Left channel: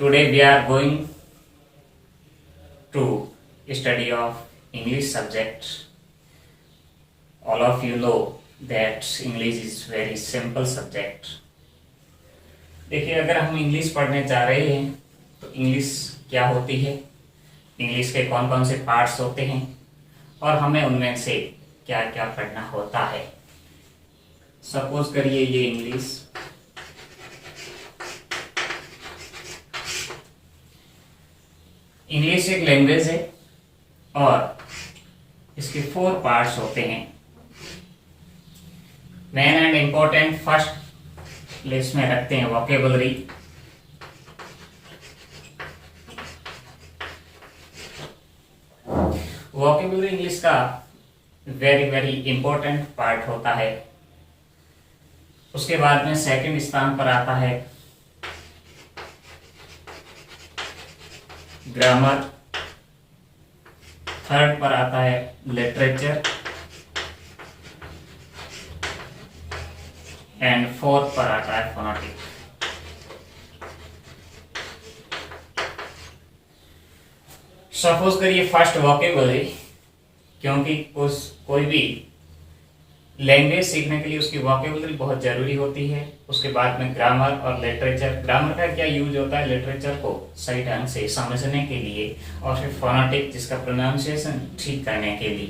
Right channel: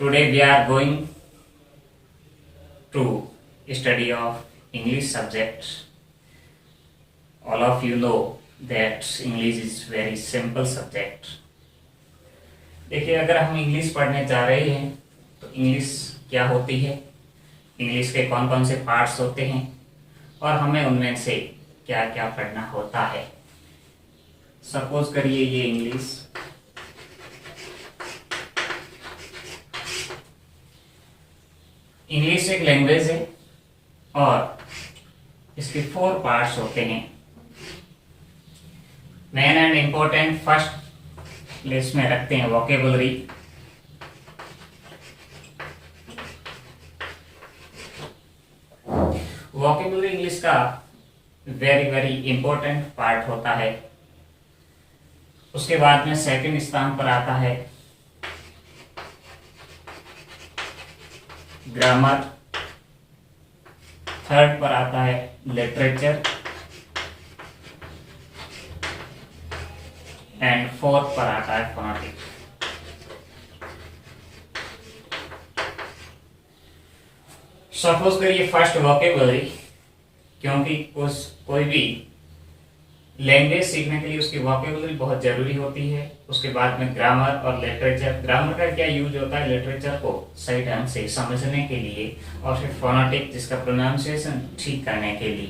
Today we are going to study of English subject. All of you know that English is very simple subject. देखिए, अगर हम English पढ़ने जा रहे हैं तो इंग्लिश क्या होती है, इंग्लिश के कौन कौन से पार्ट्स होते हैं और हमें उनमें से क्या क्या पढ़ना होता है। सपोज करिए ये इंग्लिश एक लैंग्वेज है और इसके 4 पार्ट्स होते हैं। Main and important first place में रखते हैं वोकेबुलरी। वोकेबुलरी इंग्लिश का वेरी वेरी इंपॉर्टेंट पार्ट होता है। उसके बाद में सेकंड स्थान पर आता है ग्रामर, थर्ड पर आता है लिटरेचर एंड फोर्थ पर आता है फोनेटिक्स। सपोज करिए फर्स्ट वोकेबुलरी, क्योंकि कोई भी लैंग्वेज सीखने के लिए उसकी वोकेबुलरी बहुत जरूरी होती है। उसके बाद में ग्रामर और लिटरेचर। ग्रामर का क्या यूज होता है, लिटरेचर को सही ढंग से समझने के लिए, और फिर फोनेटिक जिसका प्रोनाउंसिएशन ठीक करने के लिए।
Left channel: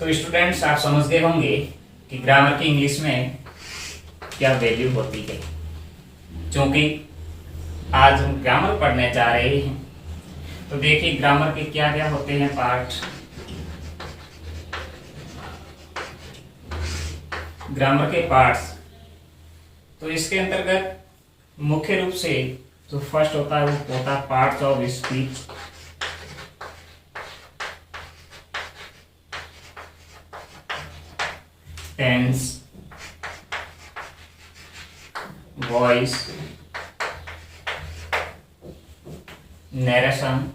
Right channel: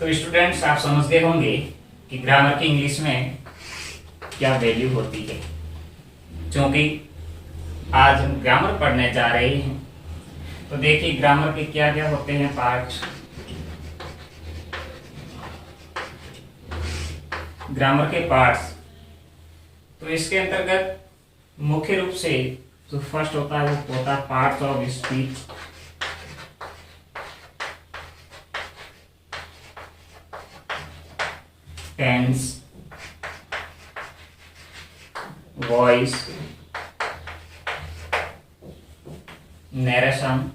तो स्टूडेंट्स, आप समझ गए होंगे कि ग्रामर की इंग्लिश में क्या वैल्यू होती है। क्योंकि आज हम ग्रामर पढ़ने जा रहे हैं तो देखिए ग्रामर के क्या क्या होते हैं पार्ट। ग्रामर के पार्ट्स, तो इसके अंतर्गत मुख्य रूप से जो फर्स्ट होता है वो होता है parts of speech. Tense, voice, narration,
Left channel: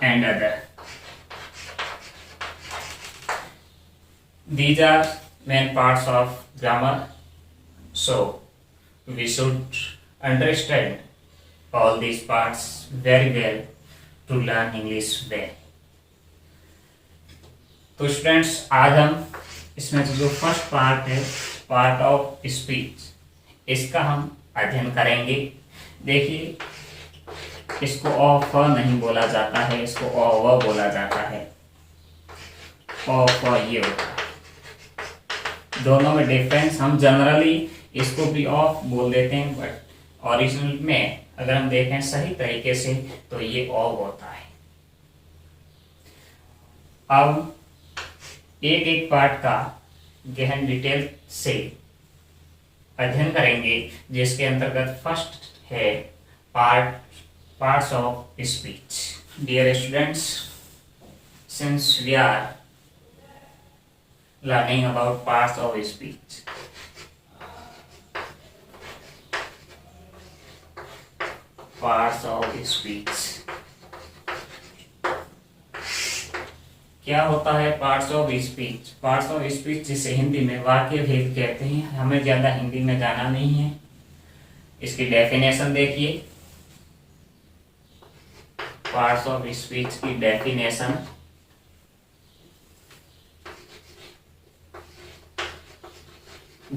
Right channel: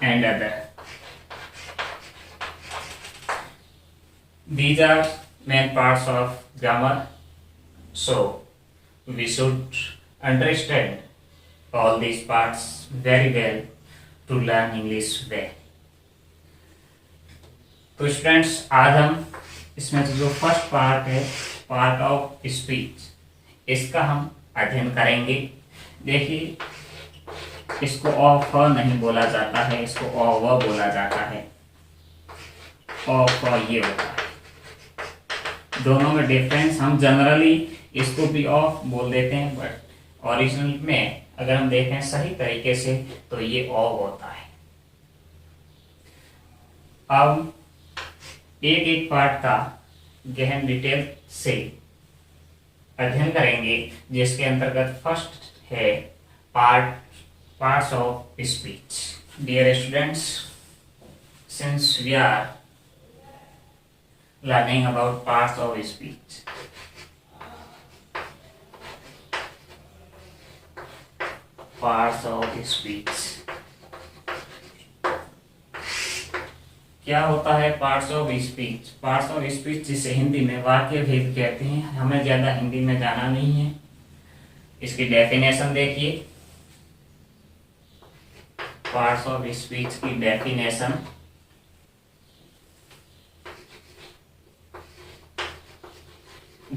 and other. These are main parts of grammar. So we should understand all these parts very well to learn English well. तो स्टूडेंट्स, आज हम इसमें जो फर्स्ट पार्ट है, पार्ट ऑफ स्पीच, इसका हम अध्ययन करेंगे। देखिए, इसको अ फ नहीं बोला जाता है, इसको अ व बोला जाता है। अ फ ये होता है। दोनों में डिफरेंस, हम जनरली इसको भी ऑफ बोल देते हैं, बट ओरिजिनल में अगर हम देखें सही तरीके से तो ये अ होता है। अब एक एक पार्ट का गहन डिटेल से अध्ययन करेंगे, जिसके अंतर्गत फर्स्ट है parts of speech. Dear students, since we are learning about parts of speech, क्या होता है parts of speech? Parts of speech जिसे हिंदी में वाक्य भेद कहते हैं। हमें ज्यादा हिंदी में जाना नहीं है। इसकी डेफिनेशन देखिए। पार्ट्स ऑफ स्पीच की definition,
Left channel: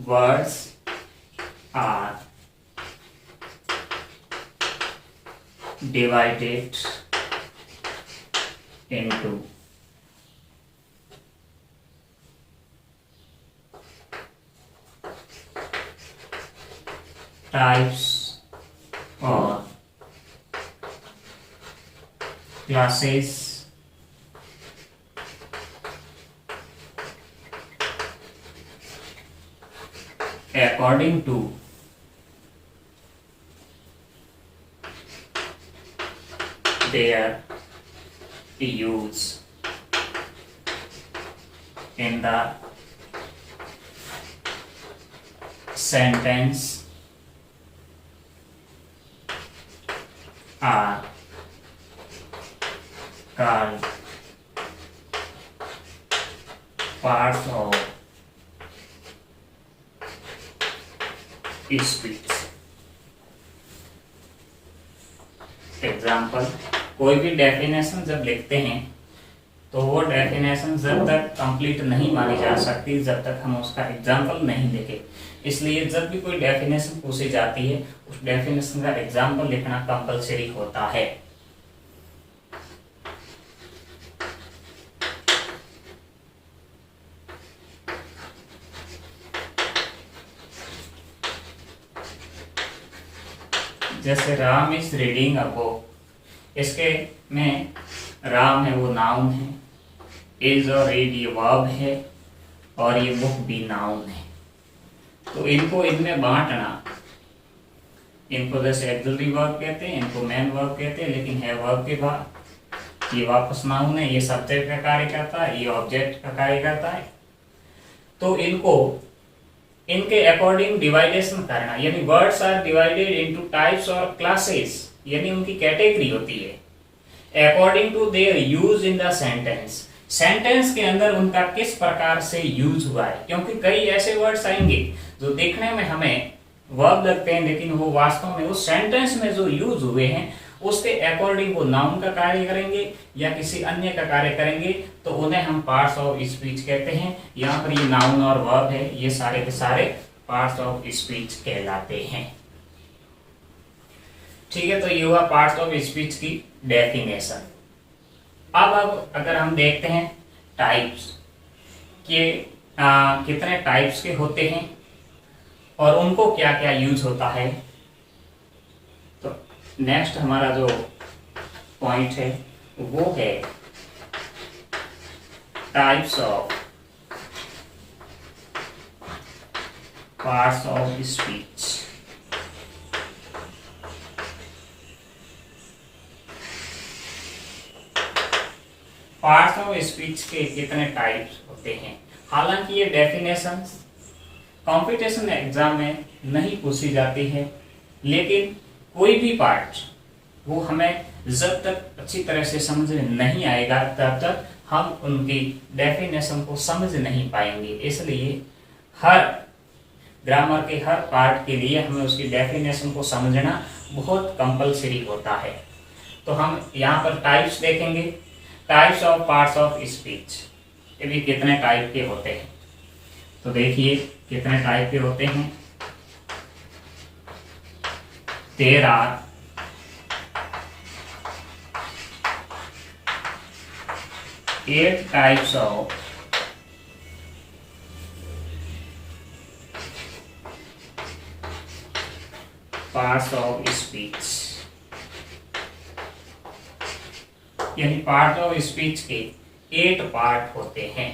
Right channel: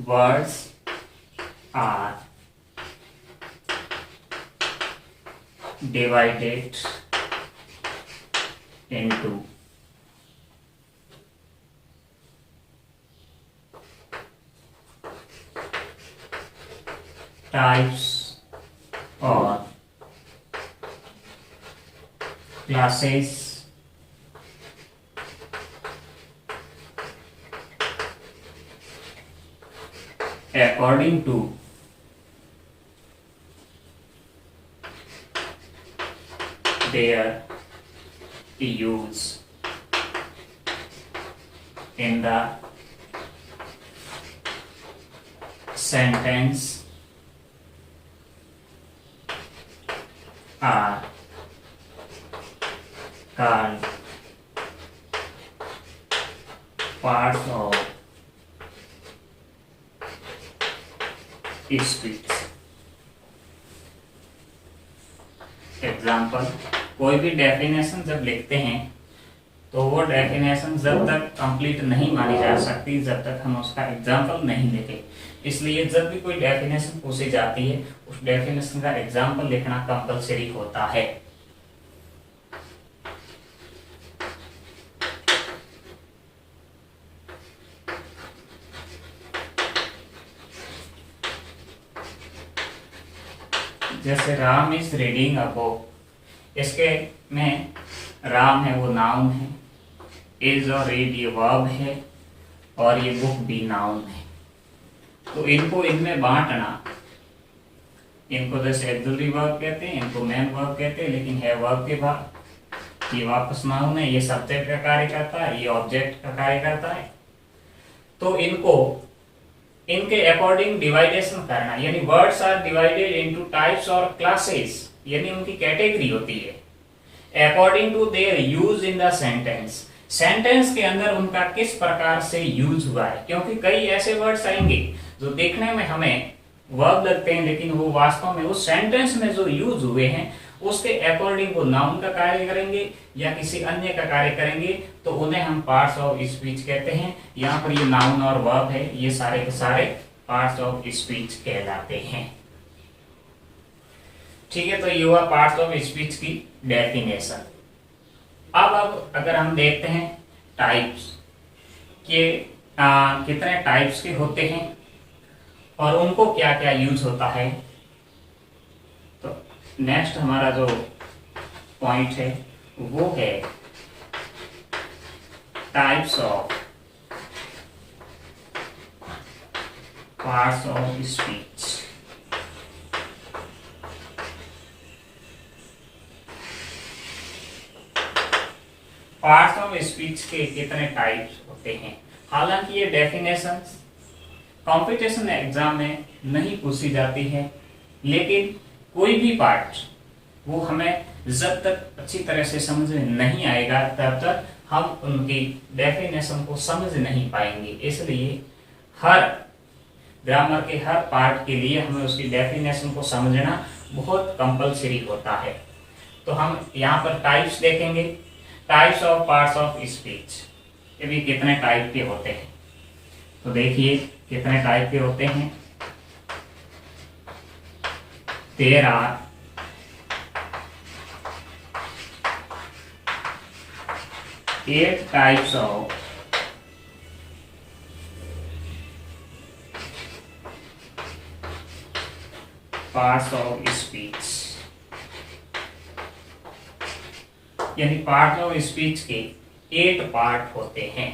words are divided into types और classes according to their use in the sentence are called parts of speech. Example, कोई भी डेफिनेशन जब लिखते हैं तो वो डेफिनेशन जब तक कंप्लीट नहीं मानी जा सकती जब तक हम उसका एग्जाम्पल नहीं लिखे। इसलिए जब भी कोई डेफिनेशन पूछी जाती है उस डेफिनेशन का एग्जाम्पल लिखना कंपलसरी होता है। जैसे Ram is reading a book, इसके में राम है वो नाउन है, इज और रीड ये वर्ब है और ये बुक भी नाउन है। तो इनको इनमें बांटना, इनको जैसे एक्सिलरी वर्ब कहते हैं, इनको मेन वर्ब कहते हैं, लेकिन है वर्ब के बाद ये वापस नाउन है, ये सब्जेक्ट का कार्य करता है, ये ऑब्जेक्ट का कार्य करता है। तो इनको इनके अकॉर्डिंग डिवाइडेशन करना, यानी words are divided into types और क्लासेस, यानी उनकी कैटेगरी होती है according to their use in the sentence. Sentence के अंदर उनका किस प्रकार से यूज हुआ है, क्योंकि कई ऐसे वर्ड्स आएंगे जो देखने में हमें वर्ब लगते हैं लेकिन वो वास्तव में उस सेंटेंस में जो यूज हुए हैं उसके अकॉर्डिंग वो नाउन का कार्य करेंगे या किसी अन्य का कार्य करेंगे, तो उन्हें हम पार्ट्स ऑफ स्पीच कहते हैं। यहाँ पर ये नाउन और वर्ब है, ये सारे के सारे पार्ट्स ऑफ स्पीच कहलाते हैं। ठीक है, तो ये हुआ पार्ट्स ऑफ स्पीच की डेफिनेशन। अब अगर हम देखते हैं टाइप्स के कितने टाइप्स के होते हैं और उनको क्या क्या यूज होता है, तो नेक्स्ट हमारा जो पॉइंट है वो है types of parts of speech. Parts of speech के कितने टाइप्स होते हैं। हालांकि ये डेफिनेशंस कंपटीशन एग्जाम में नहीं पूछी जाती है, लेकिन कोई भी पार्ट वो हमें जब तक अच्छी तरह से समझ में नहीं आएगा तब तक हम उनकी डेफिनेशन को समझ नहीं पाएंगे। इसलिए हर ग्रामर के हर पार्ट के लिए हमें उसकी डेफिनेशन को समझना बहुत कंपलसरी होता है। तो हम यहाँ पर टाइप्स देखेंगे, types of parts of speech. ये भी कितने टाइप के होते हैं, तो देखिए कितने टाइप के होते हैं। There are 8 types of parts of speech, यानी पार्ट ऑफ स्पीच के 8 पार्ट होते हैं।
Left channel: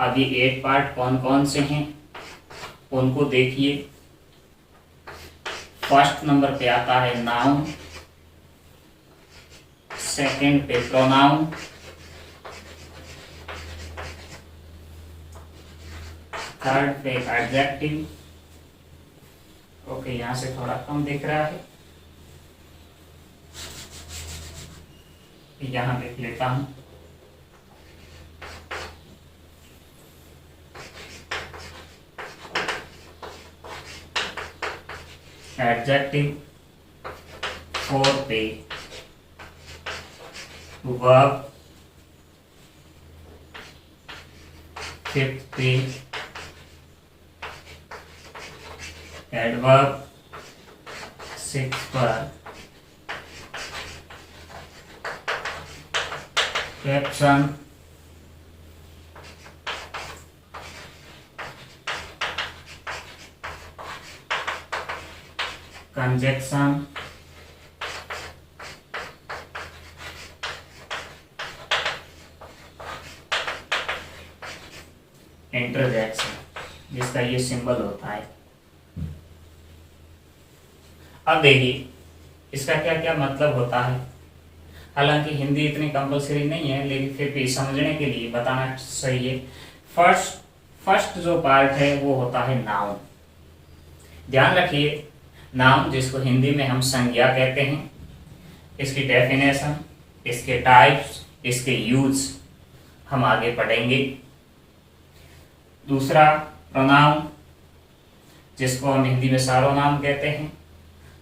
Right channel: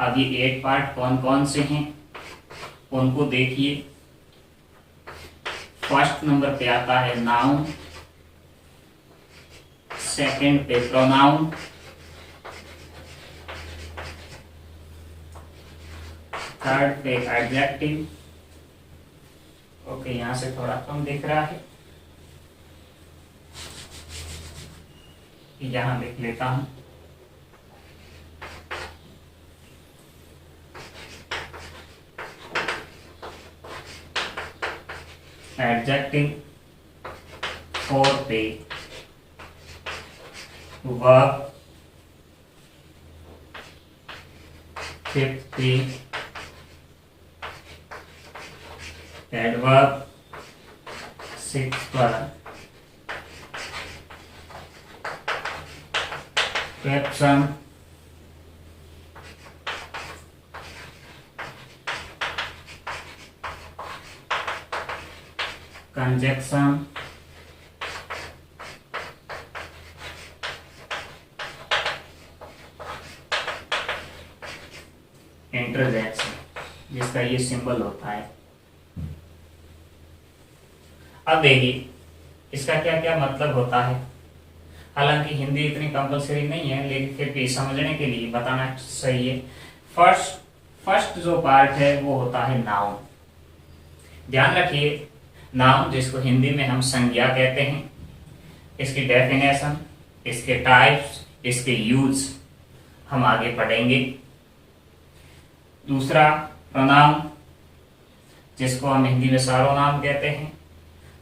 अब ये 8 पार्ट कौन कौन से हैं उनको देखिए। फर्स्ट नंबर पे आता है नाउन, सेकंड पे प्रोनाउन, थर्ड पे एडजेक्टिव। ओके, यहां से थोड़ा कम दिख रहा है, यहां लिख लेता हूं। एडजेक्टिव, 4 पे वर्ब, 5th पे एडवर्ब, 6th पर प्रेपोजिशन, कंजक्शन, इंटरजेक्शन, जिसका ये सिंबल होता है। अब देखिए इसका क्या क्या मतलब होता है। हालांकि हिंदी इतनी कंपलसरी नहीं है, लेकिन फिर भी समझने के लिए बताना सही है। फर्स्ट जो पार्ट है वो होता है नाउन। ध्यान रखिए, नाउन जिसको हिंदी में हम संज्ञा कहते हैं, इसकी डेफिनेशन, इसके टाइप्स, इसके यूज हम आगे पढ़ेंगे। दूसरा प्रोनाउन, जिसको हम हिंदी में सर्वनाम कहते हैं,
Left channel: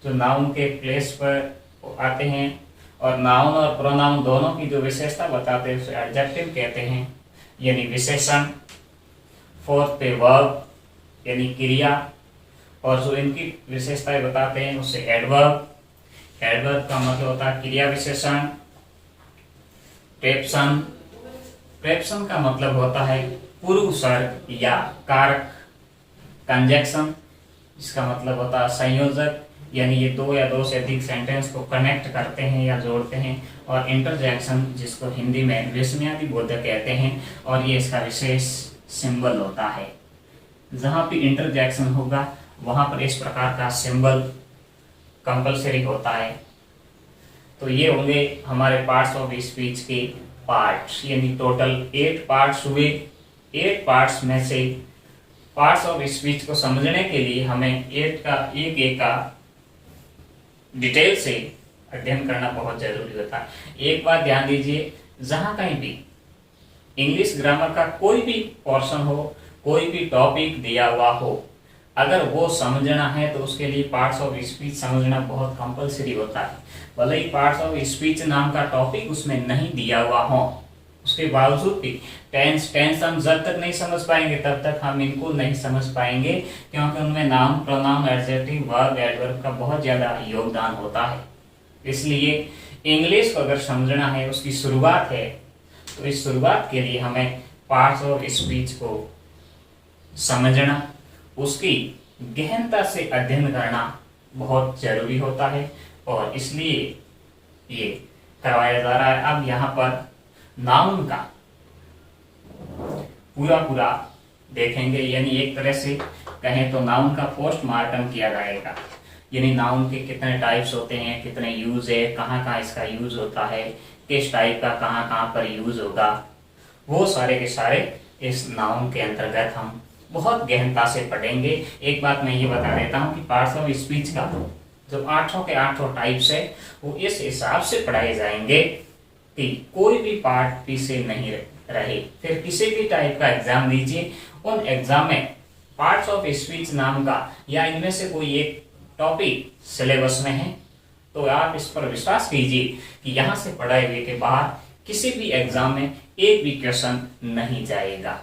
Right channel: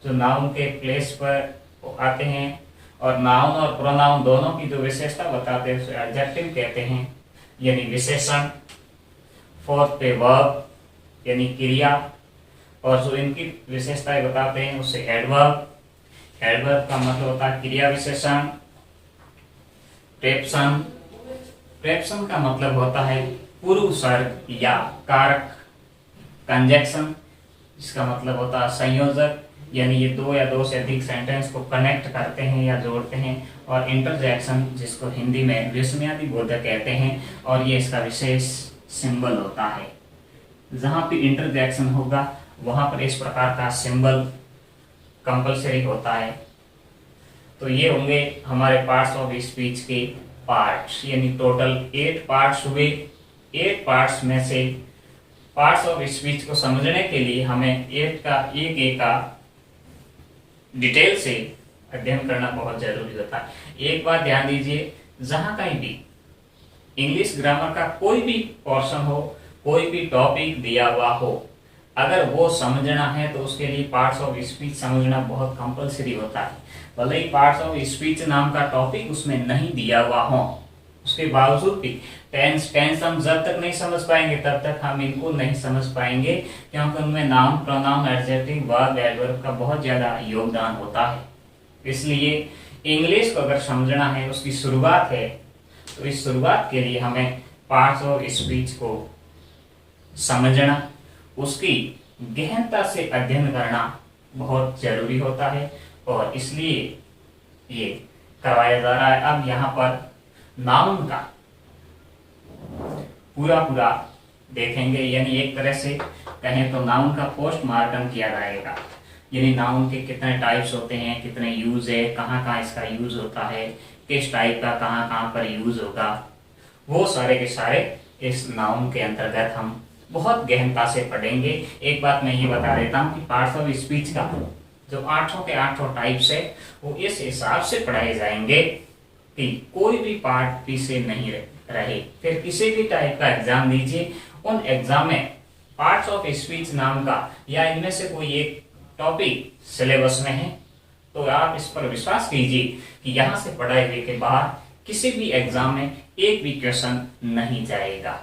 जो नाउन के प्लेस पर आते हैं, और नाउन और प्रोनाउन दोनों की जो विशेषता बताते हैं उसे एडजेक्टिव कहते हैं, यानी विशेषण। फोर्थ पे वर्ब यानी क्रिया, और जो इनकी विशेषताएं बताते हैं उसे एडवर्ब। एडवर्ब का मतलब होता है क्रिया विशेषण। प्रेपसन, प्रेपसन का मतलब होता है पूर्व सर्ग या कारक। कंजक्शन, इसका मतलब होता है संयोजक, यानी ये दो या दो से अधिक सेंटेंस को कनेक्ट करते हैं या जोड़ते हैं। और इंटरजेक्शन, जिसको हिंदी में विस्मयादि बोधक कहते हैं, और ये इसका विशेष सिंबल होता है। जहां पे इंटरजेक्शन होगा वहां पर इस प्रकार का सिंबल कंपलसरी होता है। तो ये होंगे हमारे पार्ट्स ऑफ स्पीच के पार्ट्स, यानी टोटल 8 पार्ट्स हुए। 8 पार्ट्स में से पार्ट्स ऑफ स्पीच को समझने के लिए हमें एक का डिटेल से अध्ययन करना बहुत जरूरी होता है। एक बात ध्यान दीजिए, जहां कहीं भी इंग्लिश ग्रामर का कोई भी पोर्शन हो, कोई भी टॉपिक दिया हुआ हो, अगर वो समझना है तो उसके लिए पार्ट्स ऑफ स्पीच समझना बहुत कंपलसरी होता है। भले ही पार्ट्स ऑफ स्पीच नाम का टॉपिक उसमें नहीं दिया हुआ हो, उसके बावजूद भी टेंस हम जब तक नहीं समझ पाएंगे तब तक हम इनको नहीं समझ पाएंगे, क्योंकि उनमें noun, pronoun, adjective, verb, adverb का बहुत ज्यादा योगदान होता है। इसलिए इंग्लिश को अगर समझना है, उसकी शुरुआत है, तो इस शुरुआत के लिए हमें पार्ट्स ऑफ स्पीच को समझना, उसकी गहनता से अध्ययन करना बहुत जरूरी होता है, और इसलिए ये करवाया जा रहा है। अब यहाँ पर नाउन का पूरा देखेंगे, यानी एक तरह से कहें तो नाउन का पोस्टमार्टम किया जाएगा, यानी नाउन के कितने टाइप्स होते हैं, कितने यूज है, कहाँ कहाँ इसका यूज होता है, किस टाइप का कहाँ कहाँ पर यूज होगा, वो सारे के सारे इस नाउन के अंतर्गत हम बहुत गहनता से पढ़ेंगे। एक बात मैं ये बता देता हूँ कि पार्ट्स ऑफ स्पीच का जो 8 के 8 टाइप्स है वो इस हिसाब से पढ़ाए जाएंगे कि कोई भी पार्ट पीछे नहीं रहे। फिर किसी भी टाइप का एग्जाम दीजिए, उन एग्जाम में पार्ट्स ऑफ स्पीच नाम का या इनमें से कोई एक टॉपिक सिलेबस में है, तो आप इस पर विश्वास कीजिए कि यहाँ से पढ़ाए हुए के बाहर किसी भी एग्जाम में एक भी क्वेश्चन नहीं जाएगा।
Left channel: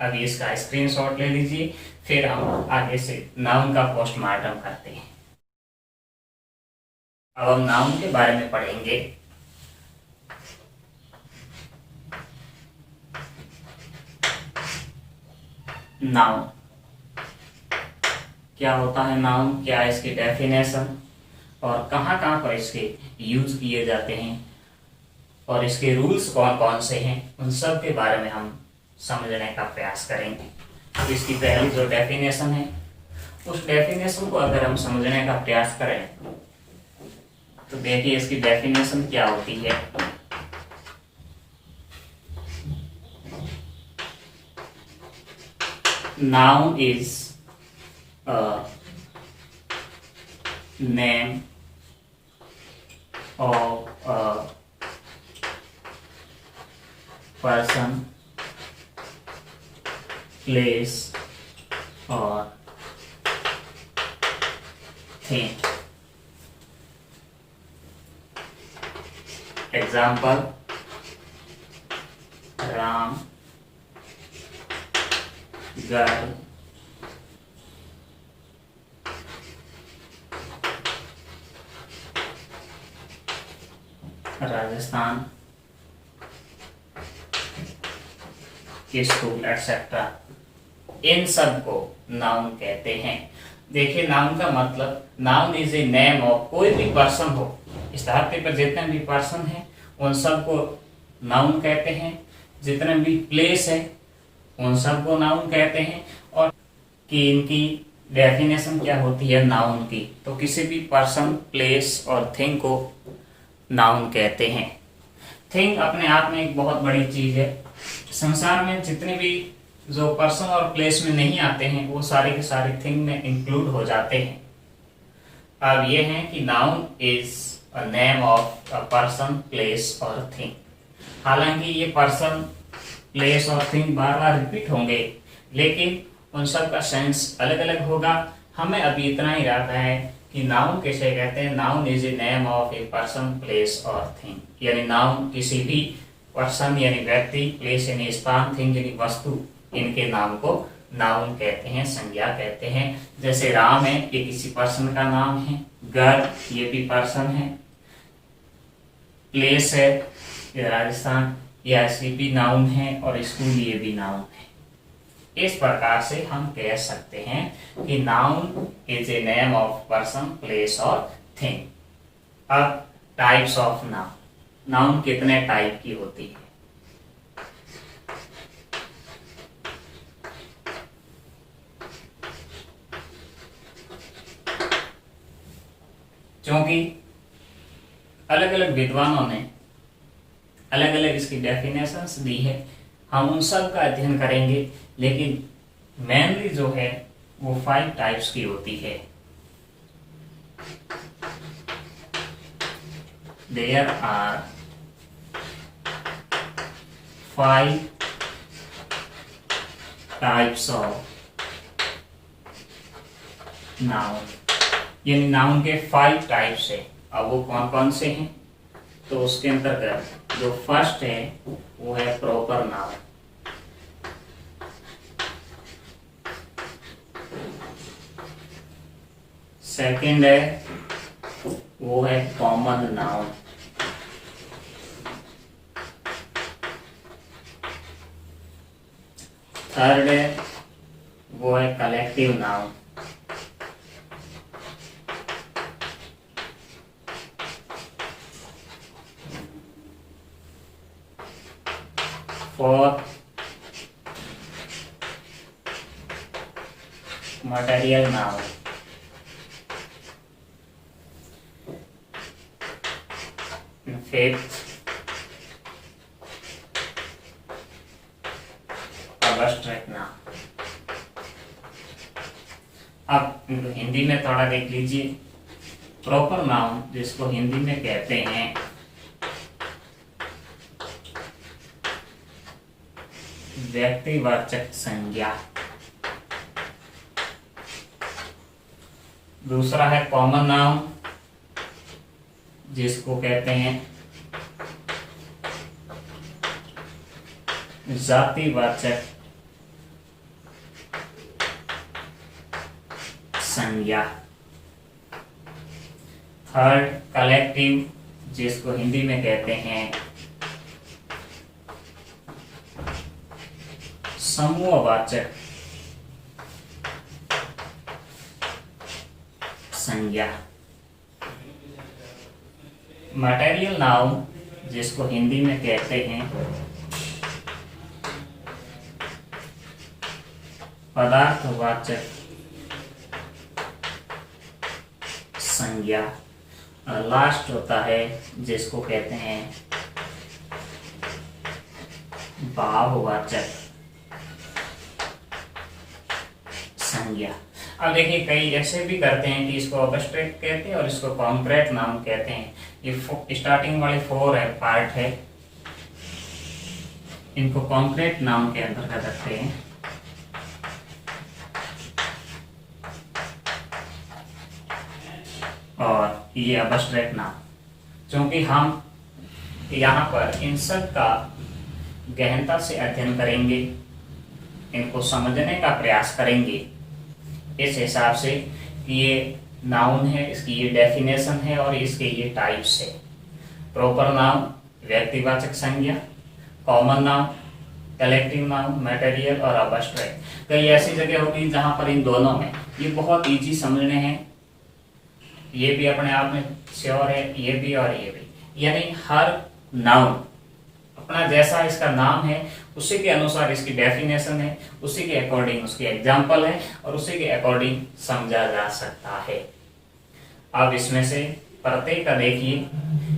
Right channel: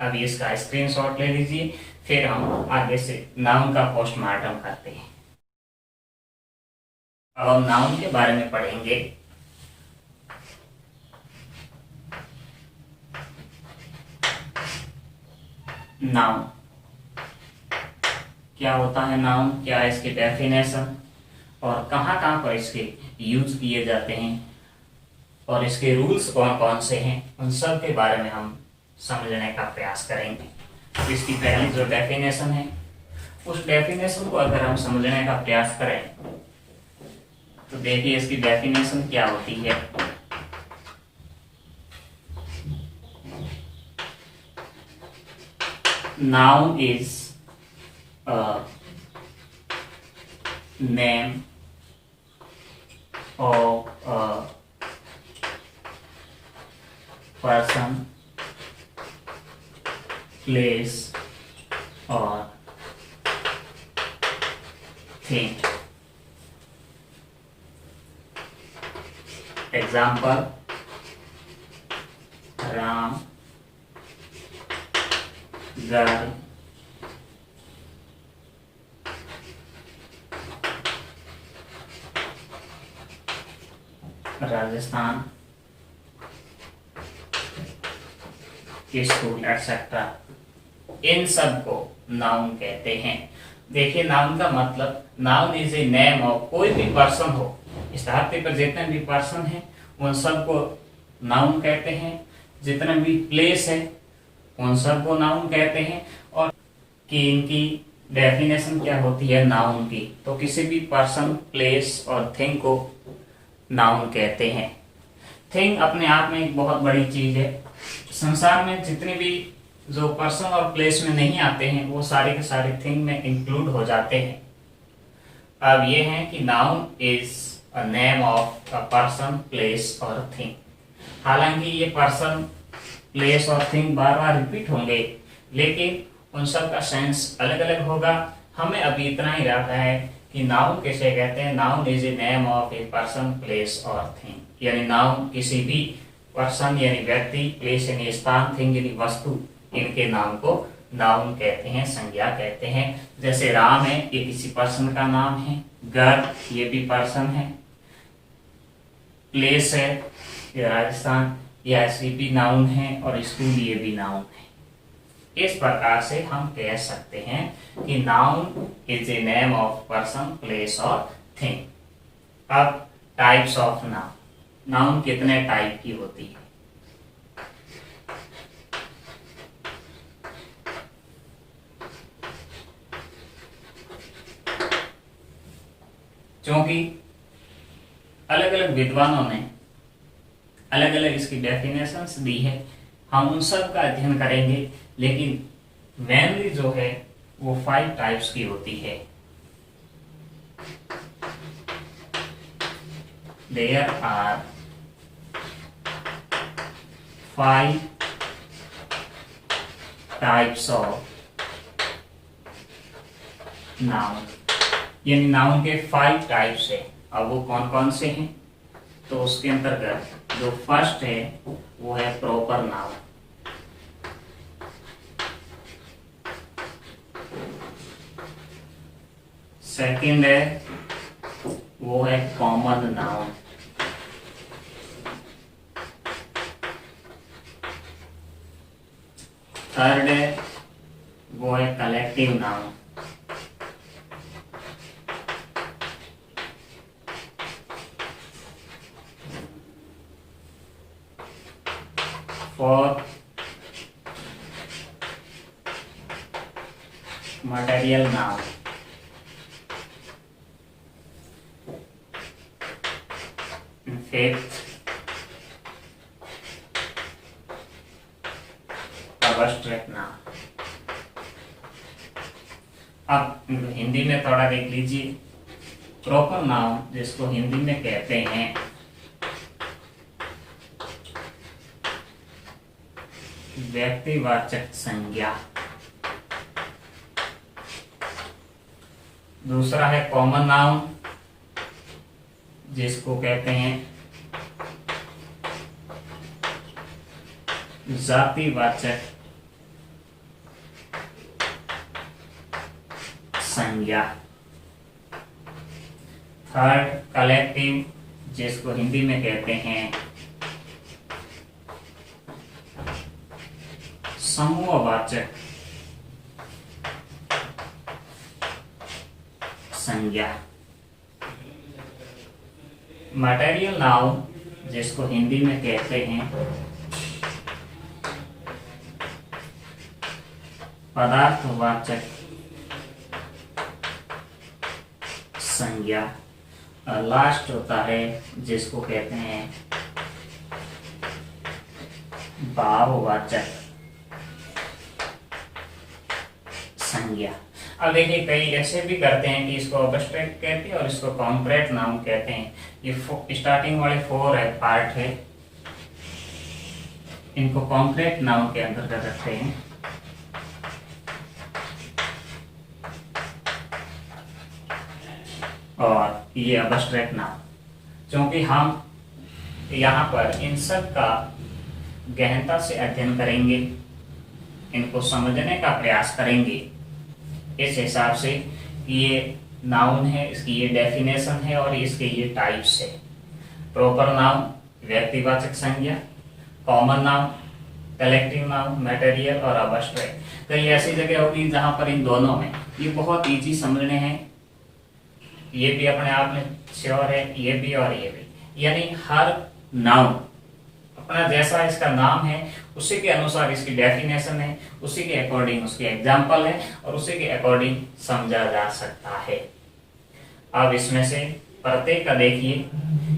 अब इसका स्क्रीनशॉट ले लीजिए, फिर हम आगे से नाउन का पोस्टमार्टम करते हैं। अब हम नाउन के बारे में पढ़ेंगे। नाउन क्या होता है, नाउन क्या है, इसकी डेफिनेशन, और कहाँ कहाँ पर इसके यूज किए जाते हैं, और इसके रूल्स कौन कौन से हैं, उन सब के बारे में हम समझने का प्रयास करेंगे। तो इसकी पहली जो डेफिनेशन है, उस डेफिनेशन को अगर हम समझने का प्रयास करें तो देखिए इसकी डेफिनेशन क्या होती है। Noun is a name of a person, place or thing. Example, Ram, girl, Rajasthan, school etcetera. इन सब को नाउन कहते हैं। देखिए नाउन का मतलब, noun is a name of, कोई भी पर्सन हो, इस धरती पर जितने भी पर्सन हैं उन सब को नाउन कहते हैं। जितने भी प्लेस है उन सब को नाउन कहते हैं। और कि इनकी डेफिनेशन क्या होती है नाउन की, तो किसी भी पर्सन, प्लेस और थिंग को नाउन कहते हैं। थिंग अपने आप में एक बहुत बड़ी चीज है। संसार में जितने भी जो पर्सन और प्लेस में नहीं आते हैं वो सारे के सारे थिंग में इंक्लूड हो जाते हैं। अब ये है कि noun is a name of a person, place और थिंग। हालांकि ये पर्सन, प्लेस और थिंग बार बार रिपीट होंगे, लेकिन उन सब का सेंस अलग अलग होगा। हमें अभी इतना ही रहता है कि नाउन किसे कहते हैं। Noun is a name of a person, place और थिंग, यानी नाउन किसी भी पर्सन यानी व्यक्ति, प्लेस यानी स्थान, थिंग यानी वस्तु, इनके नाम को नाउन कहते हैं, संज्ञा कहते हैं। जैसे राम है, ये किसी पर्सन का नाम है। घर, ये भी पर्सन है। प्लेस है, ये राजस्थान, ये ऐसी भी नाउन है। और स्कूल, ये भी नाउन है। इस प्रकार से हम कह सकते हैं कि noun is a name of person, place और थिंग। अब टाइप्स ऑफ नाउन। नाउन कितने टाइप की होती है? क्योंकि अलग अलग विद्वानों ने अलग अलग इसकी डेफिनेशंस दी है, हम उन सब का अध्ययन करेंगे, लेकिन मेनली जो है वो 5 टाइप्स की होती है। There are 5 types of noun, यानी नाउन के 5 टाइप्स है। अब वो कौन कौन से हैं? तो उसके अंतर्गत जो फर्स्ट है वो है प्रॉपर नाउन। सेकंड है वो है कॉमन नाउन। थर्ड है वो है collective noun. Fourth material noun. Fifth abstract noun. अब हिंदी में थोड़ा देख लीजिए। प्रॉपर नाउन जिसको हिंदी में कहते हैं व्यक्तिवाचक संज्ञा। दूसरा है कॉमन नाउन जिसको कहते हैं जातिवाचक संज्ञा। थर्ड कलेक्टिव जिसको हिंदी में कहते हैं समूहवाचक संज्ञा। मटेरियल नाउन जिसको हिंदी में कहते हैं पदार्थवाचक संज्ञा। और लास्ट होता है जिसको कहते हैं भाववाचक संज्ञा। अब देखिए कई ऐसे भी करते हैं कि इसको अब्स्ट्रैक्ट कहते हैं और इसको कॉन्क्रीट नाउन कहते हैं। ये स्टार्टिंग वाले 4 है पार्ट है, इनको कॉन्क्रीट नाउन के अंतर्गत रखते हैं। और ये अब्स्ट्रैक्ट नाउन, क्योंकि हम यहाँ पर इन सब का गहनता से अध्ययन करेंगे, इनको समझने का प्रयास करेंगे इस हिसाब से कि ये नाउन है, इसकी ये डेफिनेशन है और इसके ये टाइप्स है। प्रॉपर नाउन व्यक्तिवाचक संज्ञा, common noun, collective noun, material और अब्स्ट्रैक्ट। कई ऐसी जगह होती है जहां पर इन दोनों में ये बहुत इजी समझने हैं, ये भी अपने आप में श्योर है, ये भी और ये भी। यानी हर नाउन अपना जैसा इसका नाम है उसी के अनुसार इसकी डेफिनेशन है, उसी के अकॉर्डिंग उसकी एग्जाम्पल है और उसी के अकॉर्डिंग समझा जा सकता है। अब इसमें से प्रत्येक का देखिए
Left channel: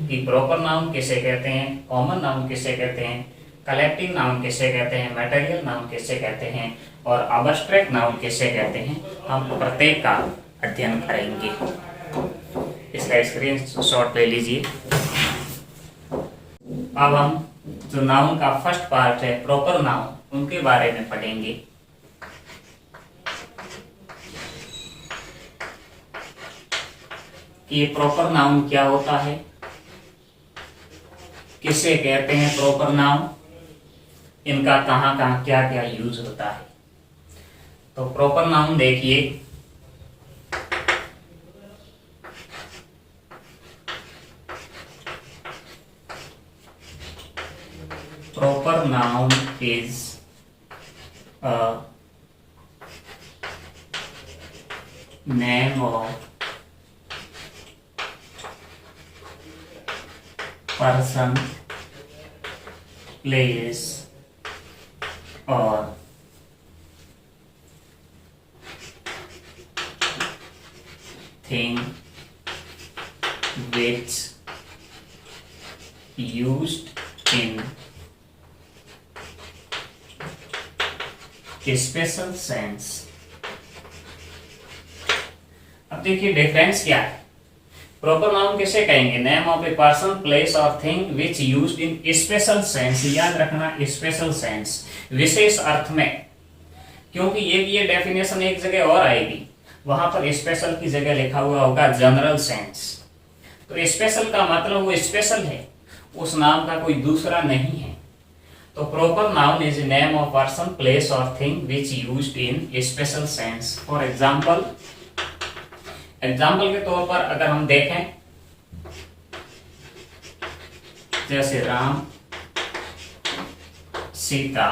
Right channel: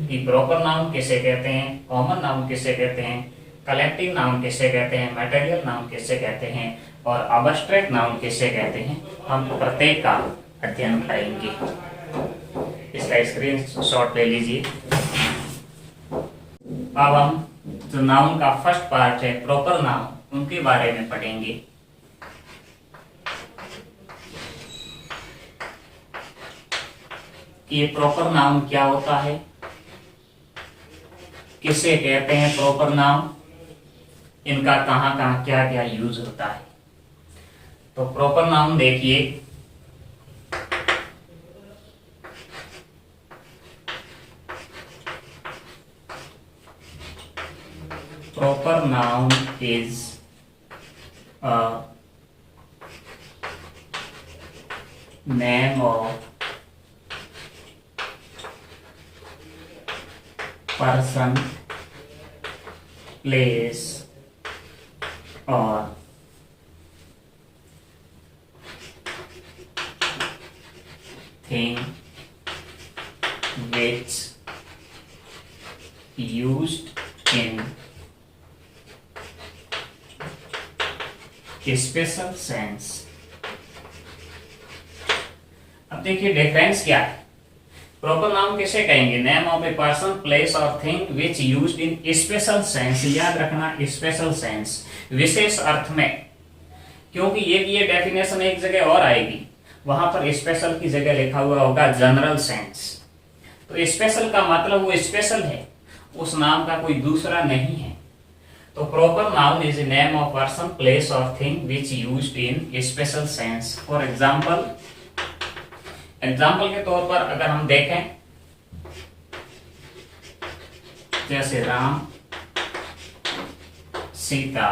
कि प्रॉपर नाउन किसे कहते हैं, कॉमन नाउन किसे कहते हैं, कलेक्टिव नाउन किसे कहते हैं, मटेरियल नाउन किसे कहते हैं और अब्स्ट्रैक्ट नाउन किसे कहते हैं। हम प्रत्येक का अध्ययन करेंगे। इसका स्क्रीन शॉट ले लीजिए। अब हम जो नाउन का फर्स्ट पार्ट है प्रॉपर नाउन, उनके बारे में पढ़ेंगे। कि ये प्रॉपर नाउन क्या होता है, किसे कहते हैं प्रॉपर नाउन, इनका कहां कहां क्या क्या यूज होता है। तो प्रॉपर नाउन देखिए, proper noun is a name of person, place or thing which used in special sense. अब देखिए डिफरेंस क्या है। प्रॉपर नाउन किसे कहेंगे, name of a person, place और thing which used in special sense. याद रखना स्पेशल सेंस, विशेष अर्थ में, क्योंकि ये डेफिनेशन एक जगह और आएगी, वहां पर स्पेशल की जगह लिखा हुआ होगा जनरल सेंस। तो स्पेशल का मतलब वो स्पेशल है, उस नाम का कोई दूसरा नहीं है। तो proper noun is name of person, place और thing which used in special sense. For example के तौर पर अगर हम देखें, जैसे राम, सीता,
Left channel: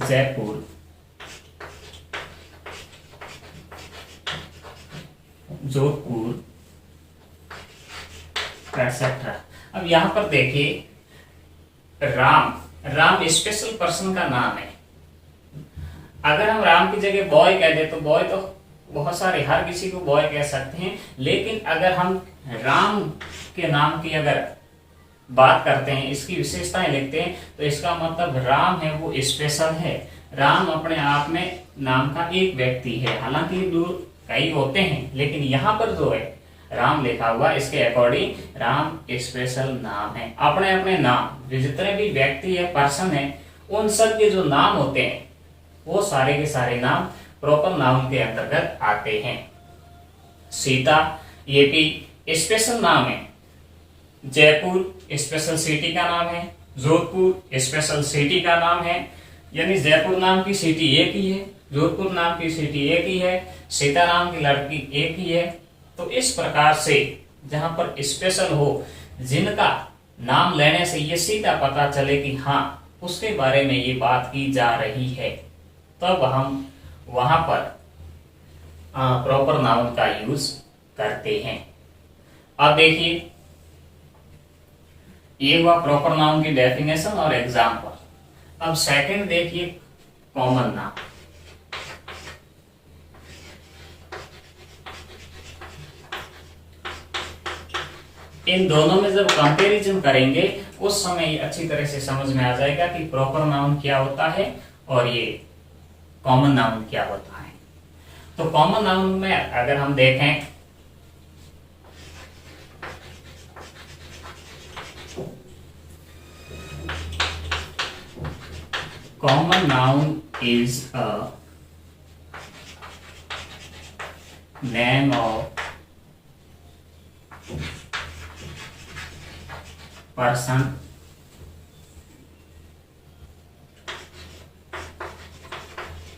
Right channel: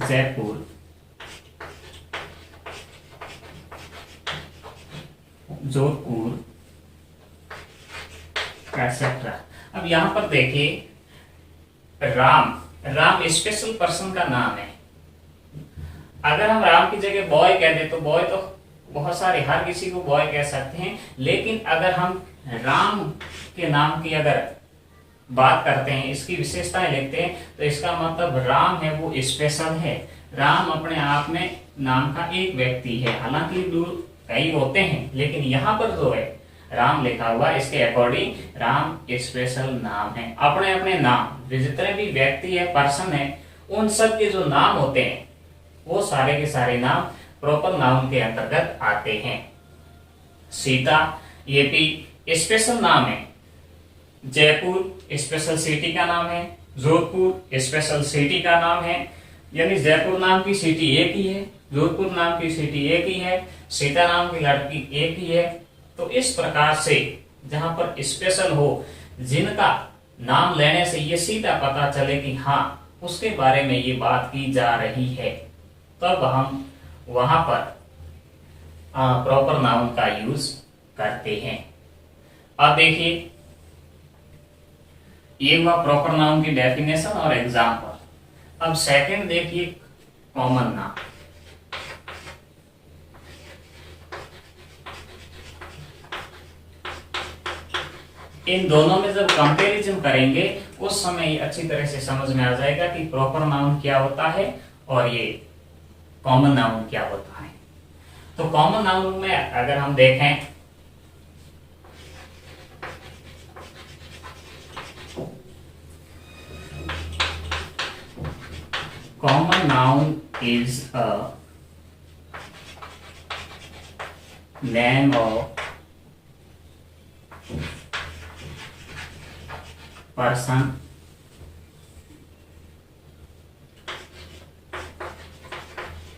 जयपुर, जोधपुर, एक्सेट्रा। अब यहां पर देखिए राम स्पेशल पर्सन का नाम है। अगर हम राम की जगह बॉय कह दे तो बॉय तो बहुत सारे, हर किसी को बॉय कह सकते हैं, लेकिन अगर हम राम के नाम की अगर बात करते हैं, इसकी विशेषताएं लिखते हैं, तो इसका मतलब राम है वो स्पेशल है। राम अपने आप में नाम का एक व्यक्ति है, हालांकि कई होते हैं, लेकिन यहाँ पर जो है राम लिखा हुआ, इसके अकॉर्डिंग राम स्पेशल नाम है। अपने अपने नाम, जितने भी व्यक्ति है, पर्सन है, उन सब के जो नाम होते हैं वो सारे के सारे नाम प्रॉपर नाउन के अंतर्गत आते हैं। सीता ये भी स्पेशल नाम है, जयपुर स्पेशल सिटी का नाम है, जोधपुर स्पेशल सिटी का नाम है, यानी जयपुर नाम की सिटी एक ही है, जोधपुर नाम की सिटी एक ही है, सीता नाम की लड़की एक ही है। तो इस प्रकार से जहां पर स्पेशल हो, जिनका नाम लेने से ये सीधा पता चले कि हाँ उसके बारे में ये बात की जा रही है, तब हम वहां पर प्रॉपर नाउन का यूज करते हैं। अब देखिए, ये हुआ प्रॉपर नाउन की डेफिनेशन और एग्जाम्पल। अब सेकंड देखिए, कॉमन नाउन। इन दोनों में जब कंपैरिजन करेंगे उस समय ये अच्छी तरह से समझ में आ जाएगा कि प्रॉपर नाउन क्या होता है और ये कॉमन नाउन क्या होता है। तो कॉमन नाउन में अगर हम देखें, common noun is a name of person,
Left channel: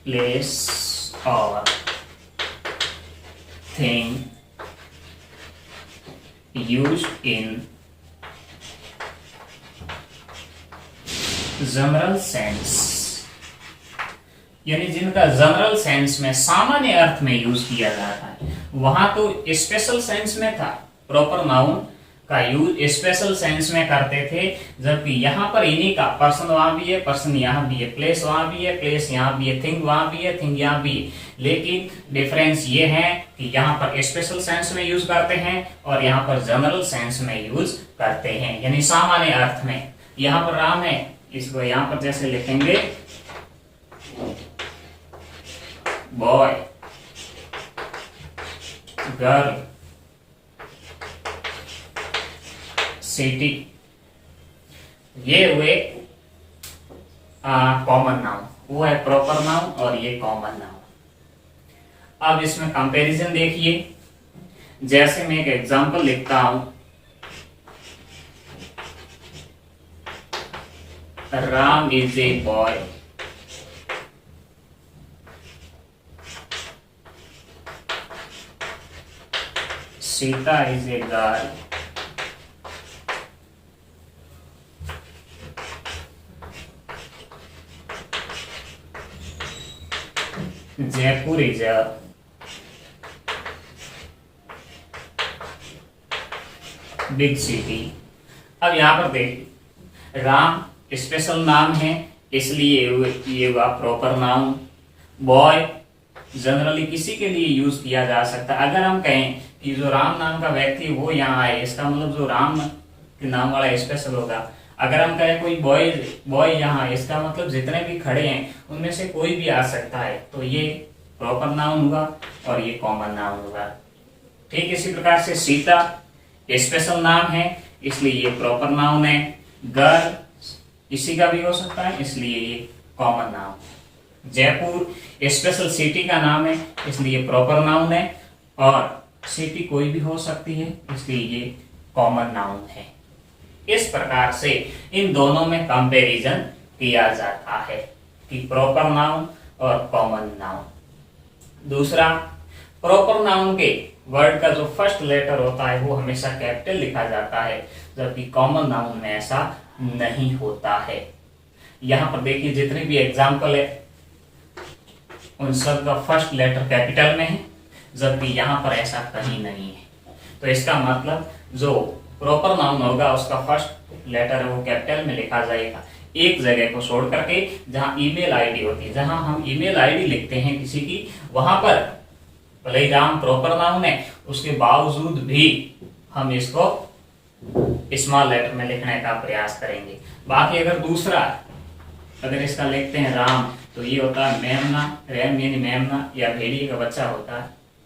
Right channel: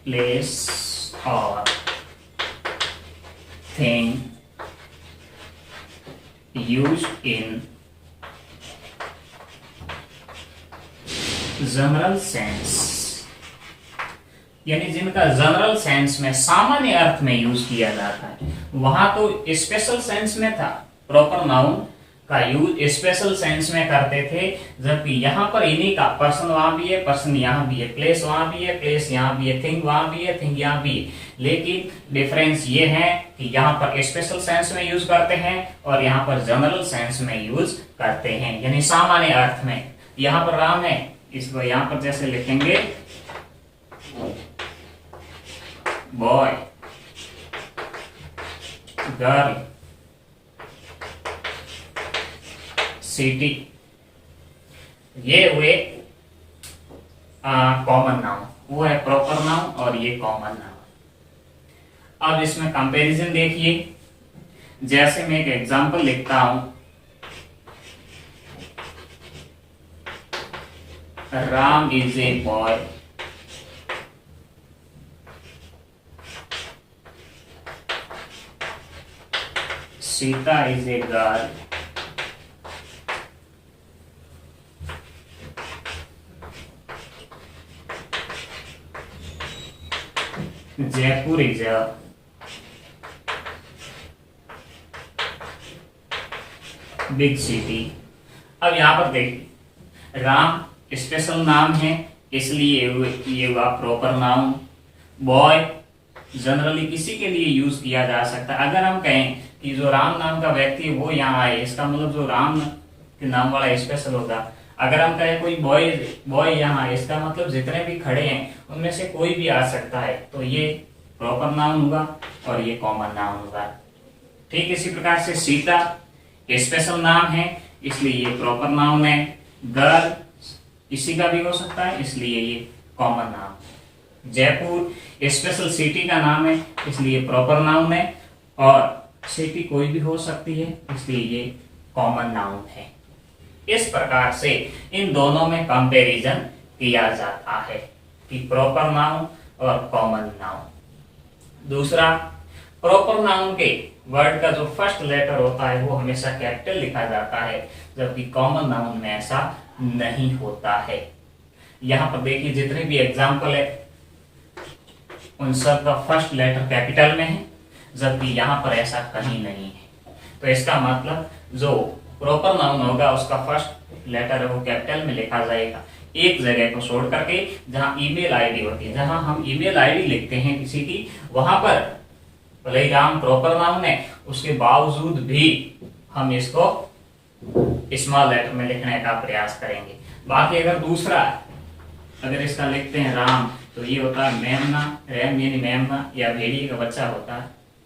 place or thing used in general sense, यानी जिनका जनरल सेंस में सामान्य अर्थ में यूज किया जाता है। वहां तो स्पेशल सेंस में था, प्रॉपर नाउन का यूज स्पेशल सेंस में करते थे, जबकि यहाँ पर इन्हीं का पर्सन वहां भी है, पर्सन यहाँ भी है, प्लेस वहां भी है, प्लेस यहाँ भी है, थिंग वहां भी है, थिंग यहाँ भी है। लेकिन डिफरेंस ये है कि यहाँ पर स्पेशल सेंस में यूज करते हैं और यहाँ पर जनरल सेंस में यूज करते हैं, यानी सामान्य अर्थ में। यहाँ पर राम है, इसको यहाँ पर जैसे लिखेंगे बॉय, गर्ल, सिटी, ये हुए कॉमन नाउन, वो है प्रॉपर नाउन और ये कॉमन नाउन। अब इसमें कंपैरिजन देखिए, जैसे मैं एक एग्जांपल लिखता हूं, Ram is a boy, Sita is a girl, Jaipur is a big city. अब यहां पर देखिए, राम स्पेशल नाम है इसलिए ये हुआ प्रॉपर नाउन। बॉय जनरली किसी के लिए यूज किया जा सकता है। अगर हम कहें कि जो राम नाम का व्यक्ति वो यहाँ आए, इसका मतलब जो राम के नाम वाला स्पेशल होगा। अगर हम कहें कोई बॉय यहाँ, इसका मतलब जितने भी खड़े हैं उनमें से कोई भी आ सकता है, तो ये प्रॉपर नाउन हुआ और ये कॉमन नाउन हुआ। ठीक इसी प्रकार से सीता स्पेशल नाम है इसलिए ये प्रॉपर नाउन है। गर्ल किसी का भी हो सकता है इसलिए ये common noun. Jaipur special city का नाम है इसलिए प्रॉपर नाउन है, और सिटी कोई भी हो सकती है इसलिए ये कॉमन नाउन है। इस प्रकार से इन दोनों में कंपैरिजन किया जाता है कि प्रॉपर नाउन और कॉमन नाउन। दूसरा, प्रॉपर नाउन के वर्ड का जो फर्स्ट लेटर होता है वो हमेशा कैपिटल लिखा जाता है, जबकि कॉमन नाउन में ऐसा नहीं होता है। यहां पर देखिए जितने भी एग्जाम्पल है उन सब का फर्स्ट लेटर कैपिटल में है, जबकि यहां पर ऐसा कहीं नहीं है। तो इसका मतलब जो प्रॉपर नाउन होगा उसका फर्स्ट लेटर है वो कैपिटल में लिखा जाएगा, एक जगह को छोड़ करके जहां ईमेल आईडी होती है। जहां हम ईमेल आईडी लिखते हैं किसी की, वहां पर भले ही राम प्रॉपर नाउन है उसके बावजूद भी हम इसको स्मॉल लेटर में लिखने का प्रयास करेंगे। बाकी अगर दूसरा, अगर इसका लिखते हैं राम, तो ये होता है मेमना, रैम यानी मेमना, या भेड़िए का बच्चा होता है,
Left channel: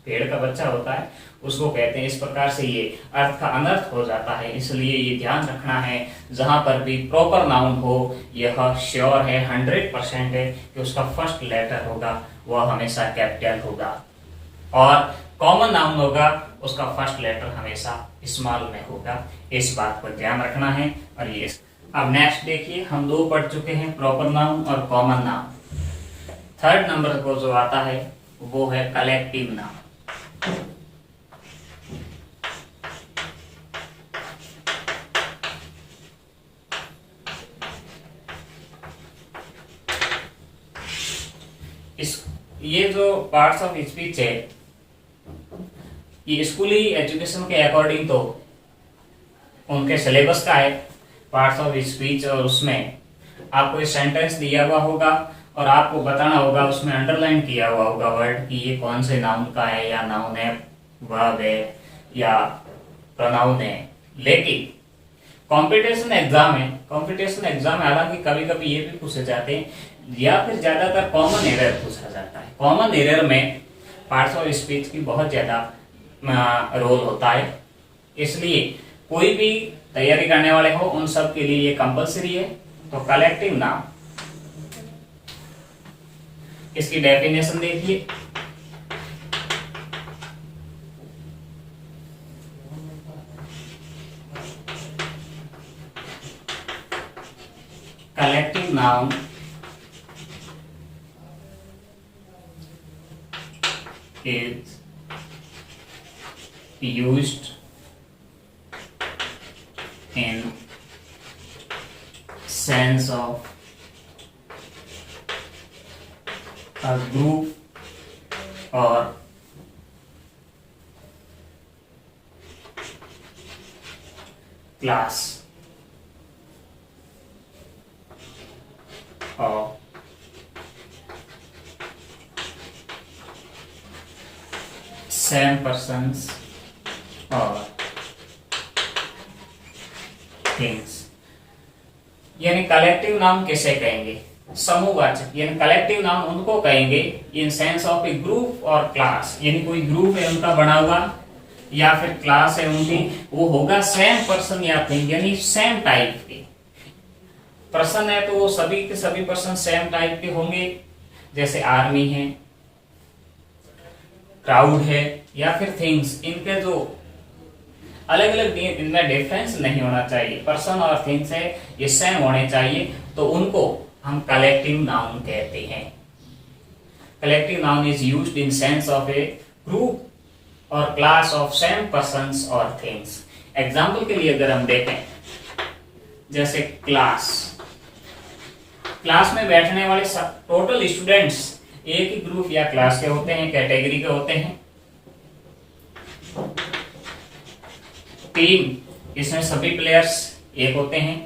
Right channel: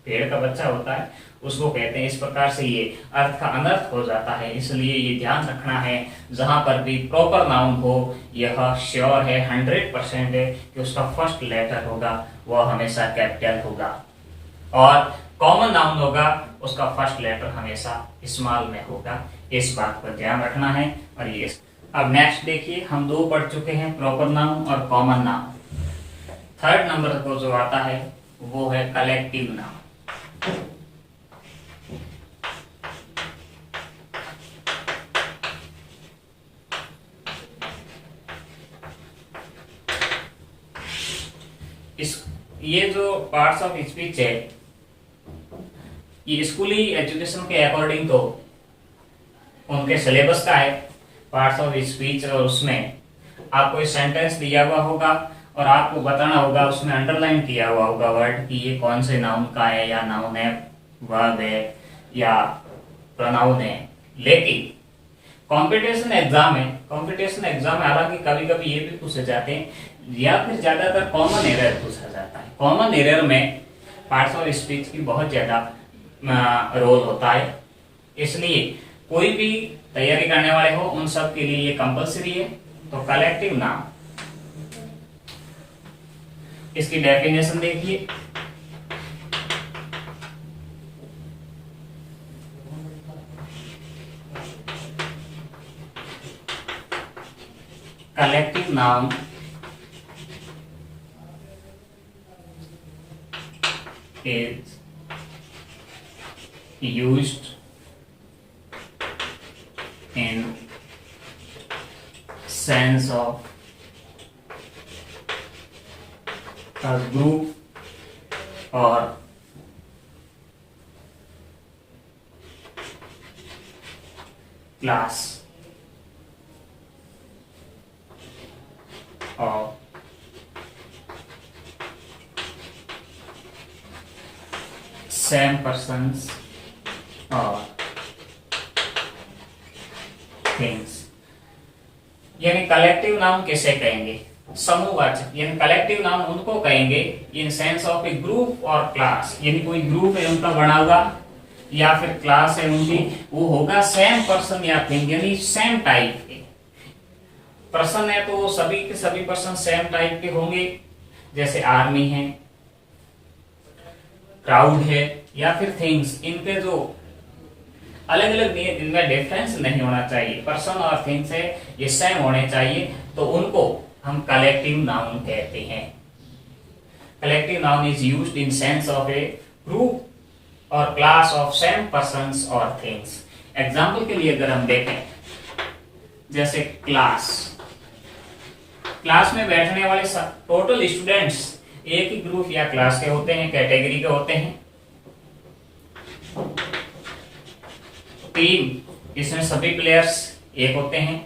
पेड़ का बच्चा होता है, उसको कहते हैं। इस प्रकार से ये अर्थ का अनर्थ हो जाता है, इसलिए ये ध्यान रखना है जहां पर भी प्रॉपर नाउन हो, यह श्योर है 100% है कि उसका फर्स्ट लेटर होगा वह हमेशा कैपिटल होगा, और कॉमन नाउन होगा उसका फर्स्ट लेटर हमेशा स्मॉल में होगा। इस बात को ध्यान रखना है। और ये अब नेक्स्ट देखिए, हम दो पढ़ चुके हैं, प्रॉपर नाउन और कॉमन नाउन। थर्ड नंबर को जो आता है वो है कलेक्टिव नाउन। ये जो पार्ट्स ऑफ स्पीच है ये स्कूली एजुकेशन के अकॉर्डिंग तो उनके सिलेबस का है पार्ट्स ऑफ स्पीच, और उसमें आपको एक सेंटेंस दिया हुआ होगा और आपको बताना होगा, उसमें अंडरलाइन किया हुआ होगा वर्ड कि ये कौन से नाउन का है, या नाउन है, वर्ब है, या प्रोनाउन है। लेकिन कंपटीशन एग्जाम में हालांकि कभी कभी ये भी पूछे जाते हैं, या फिर ज्यादातर कॉमन एरर पूछा जाता है। कॉमन एरर में पार्ट्स ऑफ स्पीच की बहुत ज्यादा रोल होता है, इसलिए कोई भी तैयारी करने वाले हो उन सब के लिए ये कंपलसरी है। तो कलेक्टिव नाउन, इसकी डेफिनेशन देखिए। Collective noun is used in sense of a group or class or same persons or things। यानी कलेक्टिव नाउन किसे कहेंगे? समूहवाचक, यानी कलेक्टिव नाउन उनको कहेंगे in sense of A group और क्लास, यानी कोई ग्रुप है उनका बना हुआ, या फिर क्लास है उनकी, वो होगा सेम पर्सन या थिंग, यानी सेम टाइप के। पर्सन है तो सभी के सभी पर्सन सेम टाइप के होंगे, जैसे आर्मी है, क्राउड है, या फिर थिंग्स, इनके जो अलग अलग, इनमें डिफरेंस नहीं होना चाहिए। पर्सन और थिंग्स है ये सेम होने चाहिए, तो उनको हम कलेक्टिव नाउन कहते हैं। Collective noun is used in sense of A group और क्लास ऑफ सेम पर्सन्स और थिंग्स। एग्जाम्पल के लिए अगर हम देखें, जैसे क्लास, क्लास में बैठने वाले टोटल स्टूडेंट्स एक ही ग्रुप या क्लास के होते हैं, कैटेगरी के होते हैं। टीम, इसमें सभी प्लेयर्स एक होते हैं।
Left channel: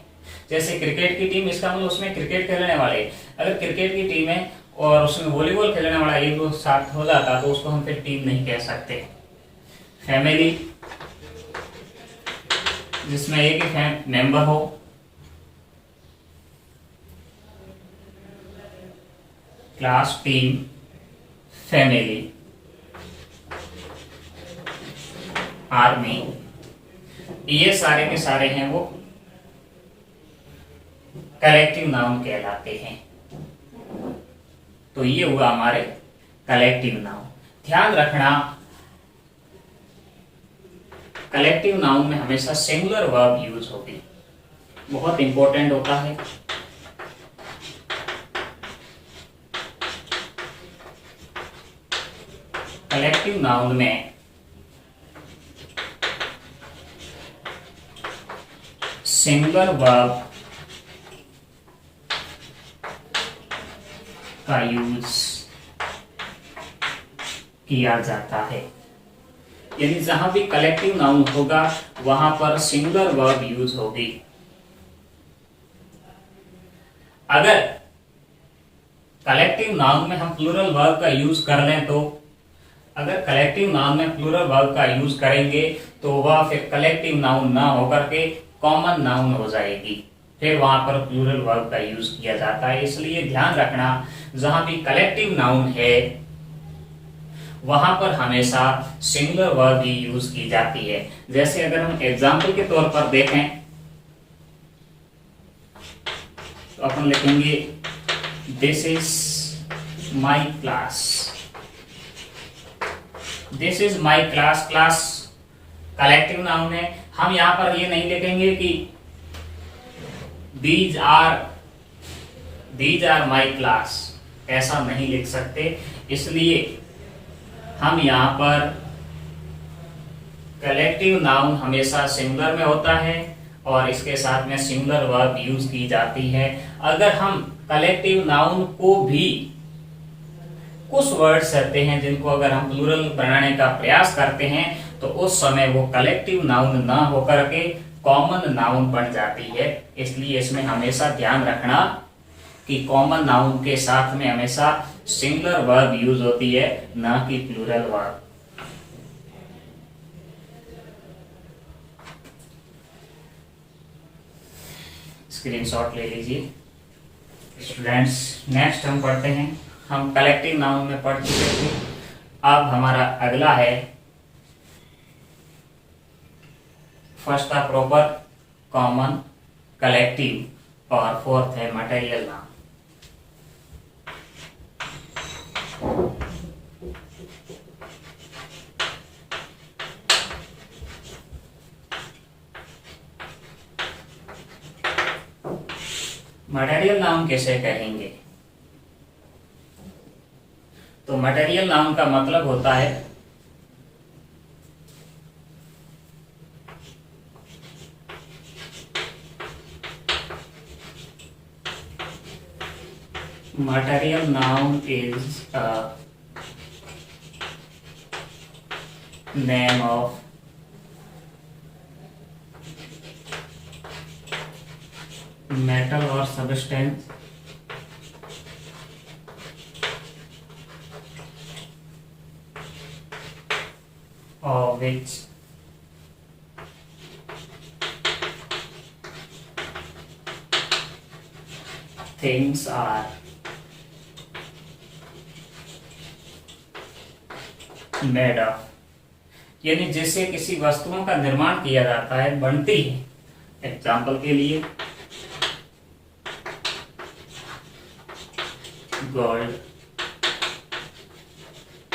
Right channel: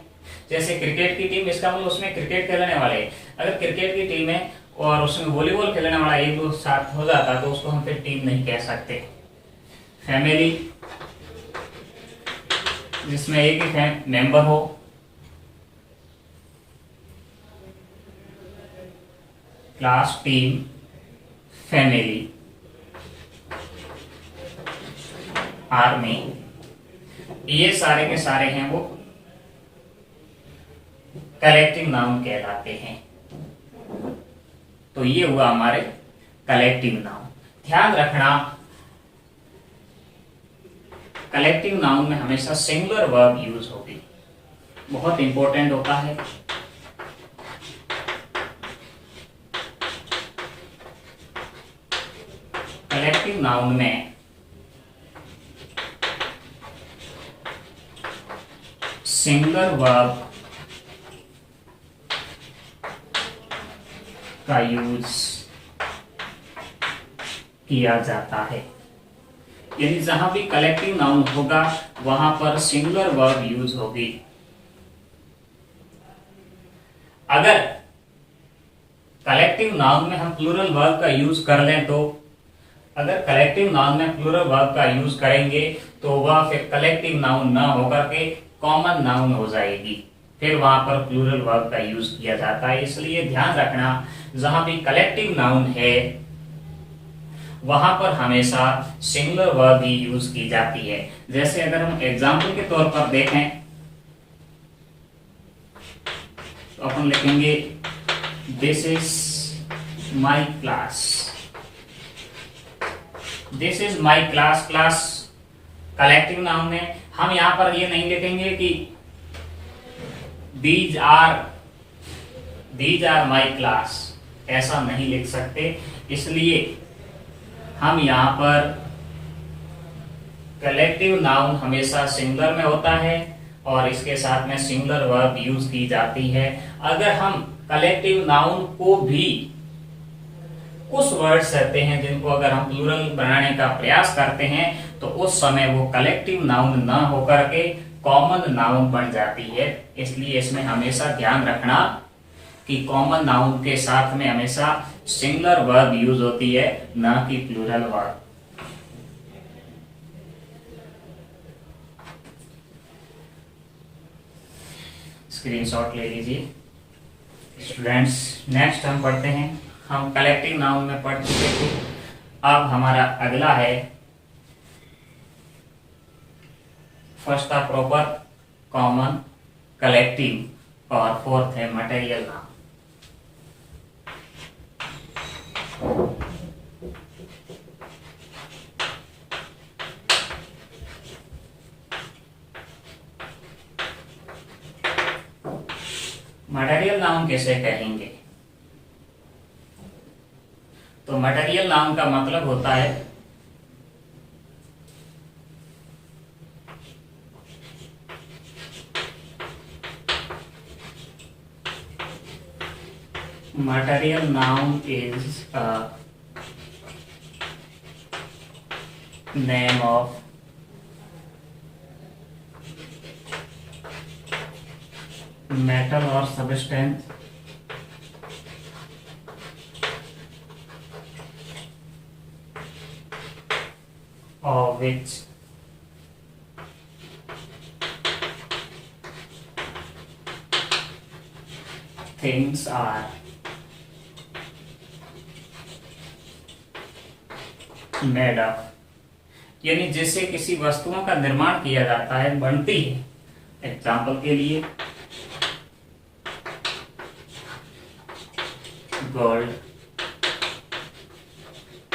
जैसे क्रिकेट की टीम, इसका मतलब उसमें क्रिकेट खेलने वाले, अगर क्रिकेट की टीम है और उसमें वॉलीबॉल खेलने वाला एक दो साथ हो जाता तो उसको हम फिर टीम नहीं कह सकते। फैमिली, जिसमें एक ही मेंबर हो। क्लास, टीम, फैमिली, आर्मी, ये सारे के सारे हैं वो कलेक्टिव नाउन कहलाते हैं। तो ये हुआ हमारे कलेक्टिव नाउन। ध्यान रखना, कलेक्टिव नाउन में हमेशा सिंगुलर वर्ब यूज होगी, बहुत इंपॉर्टेंट होता है। कलेक्टिव नाउन में सिंगुलर वर्ब का यूज किया जाता है, यानी जहां भी कलेक्टिव नाउन होगा वहां पर सिंगुलर वर्ब यूज होगी। अगर कलेक्टिव नाउन में हम प्लूरल वर्ब का यूज कर लें तो, अगर कलेक्टिव नाउन में प्लूरल वर्ब का यूज करेंगे तो वह फिर कलेक्टिव नाउन ना होकर के कॉमन नाउन हो जाएगी, फिर वहां पर प्लूरल वर्ब का यूज किया जाता है। इसलिए ध्यान रखना, जहां भी कलेक्टिव नाउन है वहां पर हमेशा सिंगुलर वर्ब ही यूज की जाती है। जैसे अगर हम एग्जाम्पल के तौर पर देखें तो अपन लिखेंगे this is my class. This is my class, class collective noun है। हम यहां पर ये नहीं लिखेंगे कि दीज आर माई क्लास, ऐसा नहीं लिख सकते। इसलिए हम यहां पर कलेक्टिव नाउन हमेशा सिंगुलर में होता है और इसके साथ में सिंगुलर वर्ब यूज की जाती है। अगर हम कलेक्टिव नाउन को भी, कुछ वर्ड्स रहते हैं जिनको अगर हम प्लूरल बनाने का प्रयास करते हैं तो उस समय वो कलेक्टिव नाउन ना होकर के कॉमन नाउन बन जाती है। इसलिए इसमें हमेशा ध्यान रखना कि कॉमन नाउन के साथ में हमेशा सिंगुलर वर्ब यूज होती है, ना कि प्लूरल वर्ब। स्क्रीनशॉट ले लीजिए स्टूडेंट्स। नेक्स्ट हम पढ़ते हैं, हम कलेक्टिव नाउन में पढ़ चुके थे। अब हमारा अगला है फर्स्ट है प्रॉपर, कॉमन, कलेक्टिव और फोर्थ है मटेरियल नाउन। मटेरियल नाउन कैसे कहेंगे? तो मटेरियल नाउन का मतलब होता है material noun is a name of metal or substance of which things are made of। यानी जिससे किसी वस्तुओं का निर्माण किया जाता है, बनती है। एग्जाम्पल के लिए gold,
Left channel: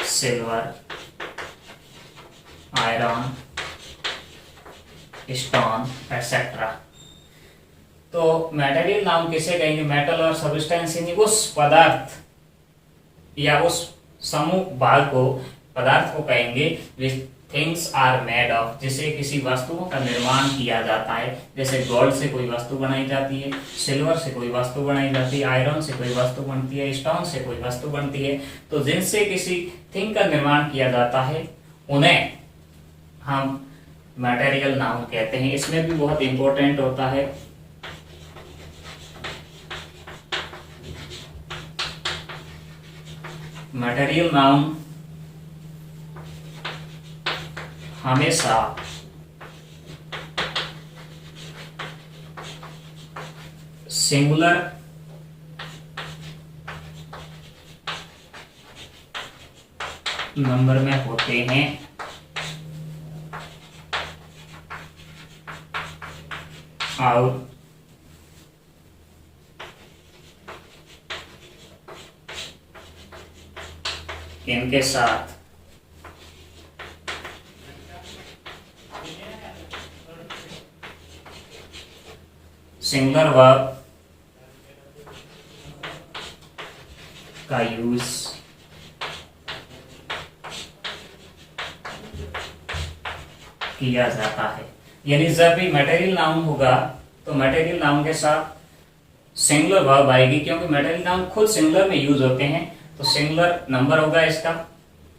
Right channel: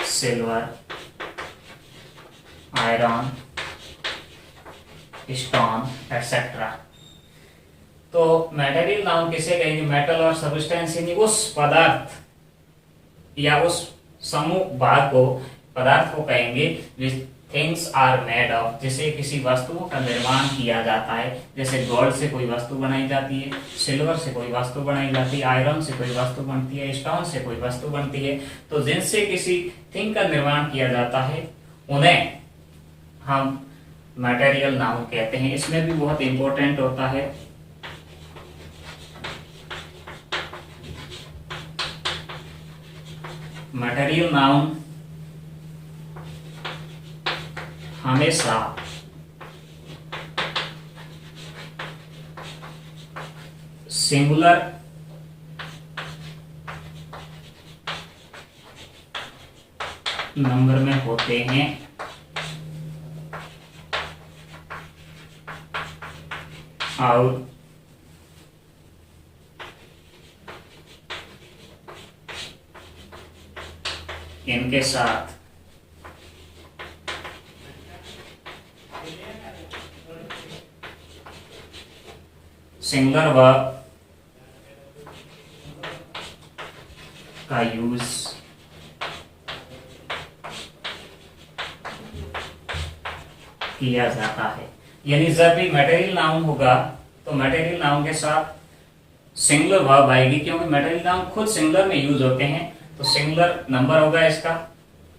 silver, iron, stone etcetera. तो मटेरियल नाउन किसे कहेंगे? मेटल और सब्सटेंस, यानी उस पदार्थ या उस समूह भाग को, पदार्थ को कहेंगे which things are made of, जिसे किसी वस्तुओं का निर्माण किया जाता है। जैसे गोल्ड से कोई वस्तु बनाई जाती है, सिल्वर से कोई वस्तु बनाई जाती है, आयरन से कोई वस्तु बनती है, स्टोन से कोई वस्तु बनती है। तो जिनसे किसी थिंग का निर्माण किया जाता है उन्हें हम मटेरियल नाउन कहते हैं। इसमें भी बहुत इंपॉर्टेंट होता है मटेरियल नाउन हमेशा सिंगुलर नंबर में होते हैं और इनके साथ सिंगुलर वर्ब का यूज किया जाता है। यानी जब भी मटेरियल नाउन होगा तो मटेरियल नाउन के साथ सिंगुलर वर्ब आएगी, क्योंकि मटेरियल नाउन खुद सिंगुलर में यूज होते हैं। तो सिंगुलर नंबर होगा इसका,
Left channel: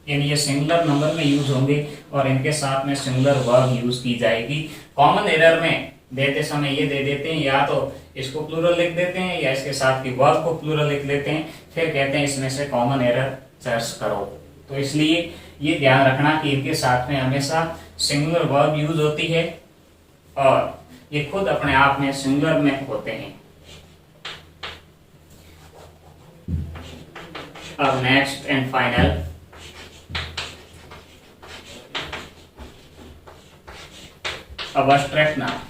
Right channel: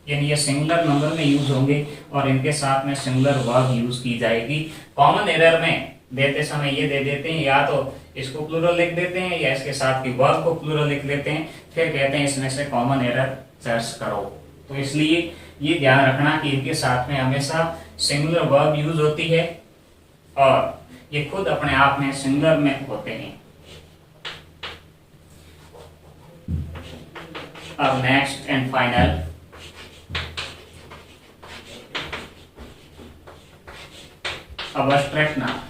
यानी ये सिंगुलर नंबर में यूज होंगे और इनके साथ में सिंगुलर वर्ब यूज की जाएगी। कॉमन एरर में देते समय ये दे देते हैं, या तो इसको प्लूरल लिख देते हैं या इसके साथ की वर्ब को प्लूरल लिख देते हैं, फिर कहते हैं इसमें से कॉमन एरर सर्च करो। तो इसलिए ये ध्यान रखना कि इनके साथ में हमेशा सिंगुलर वर्ब यूज होती है और ये खुद अपने आप में सिंगुलर में होते हैं। अब next and final abstract noun.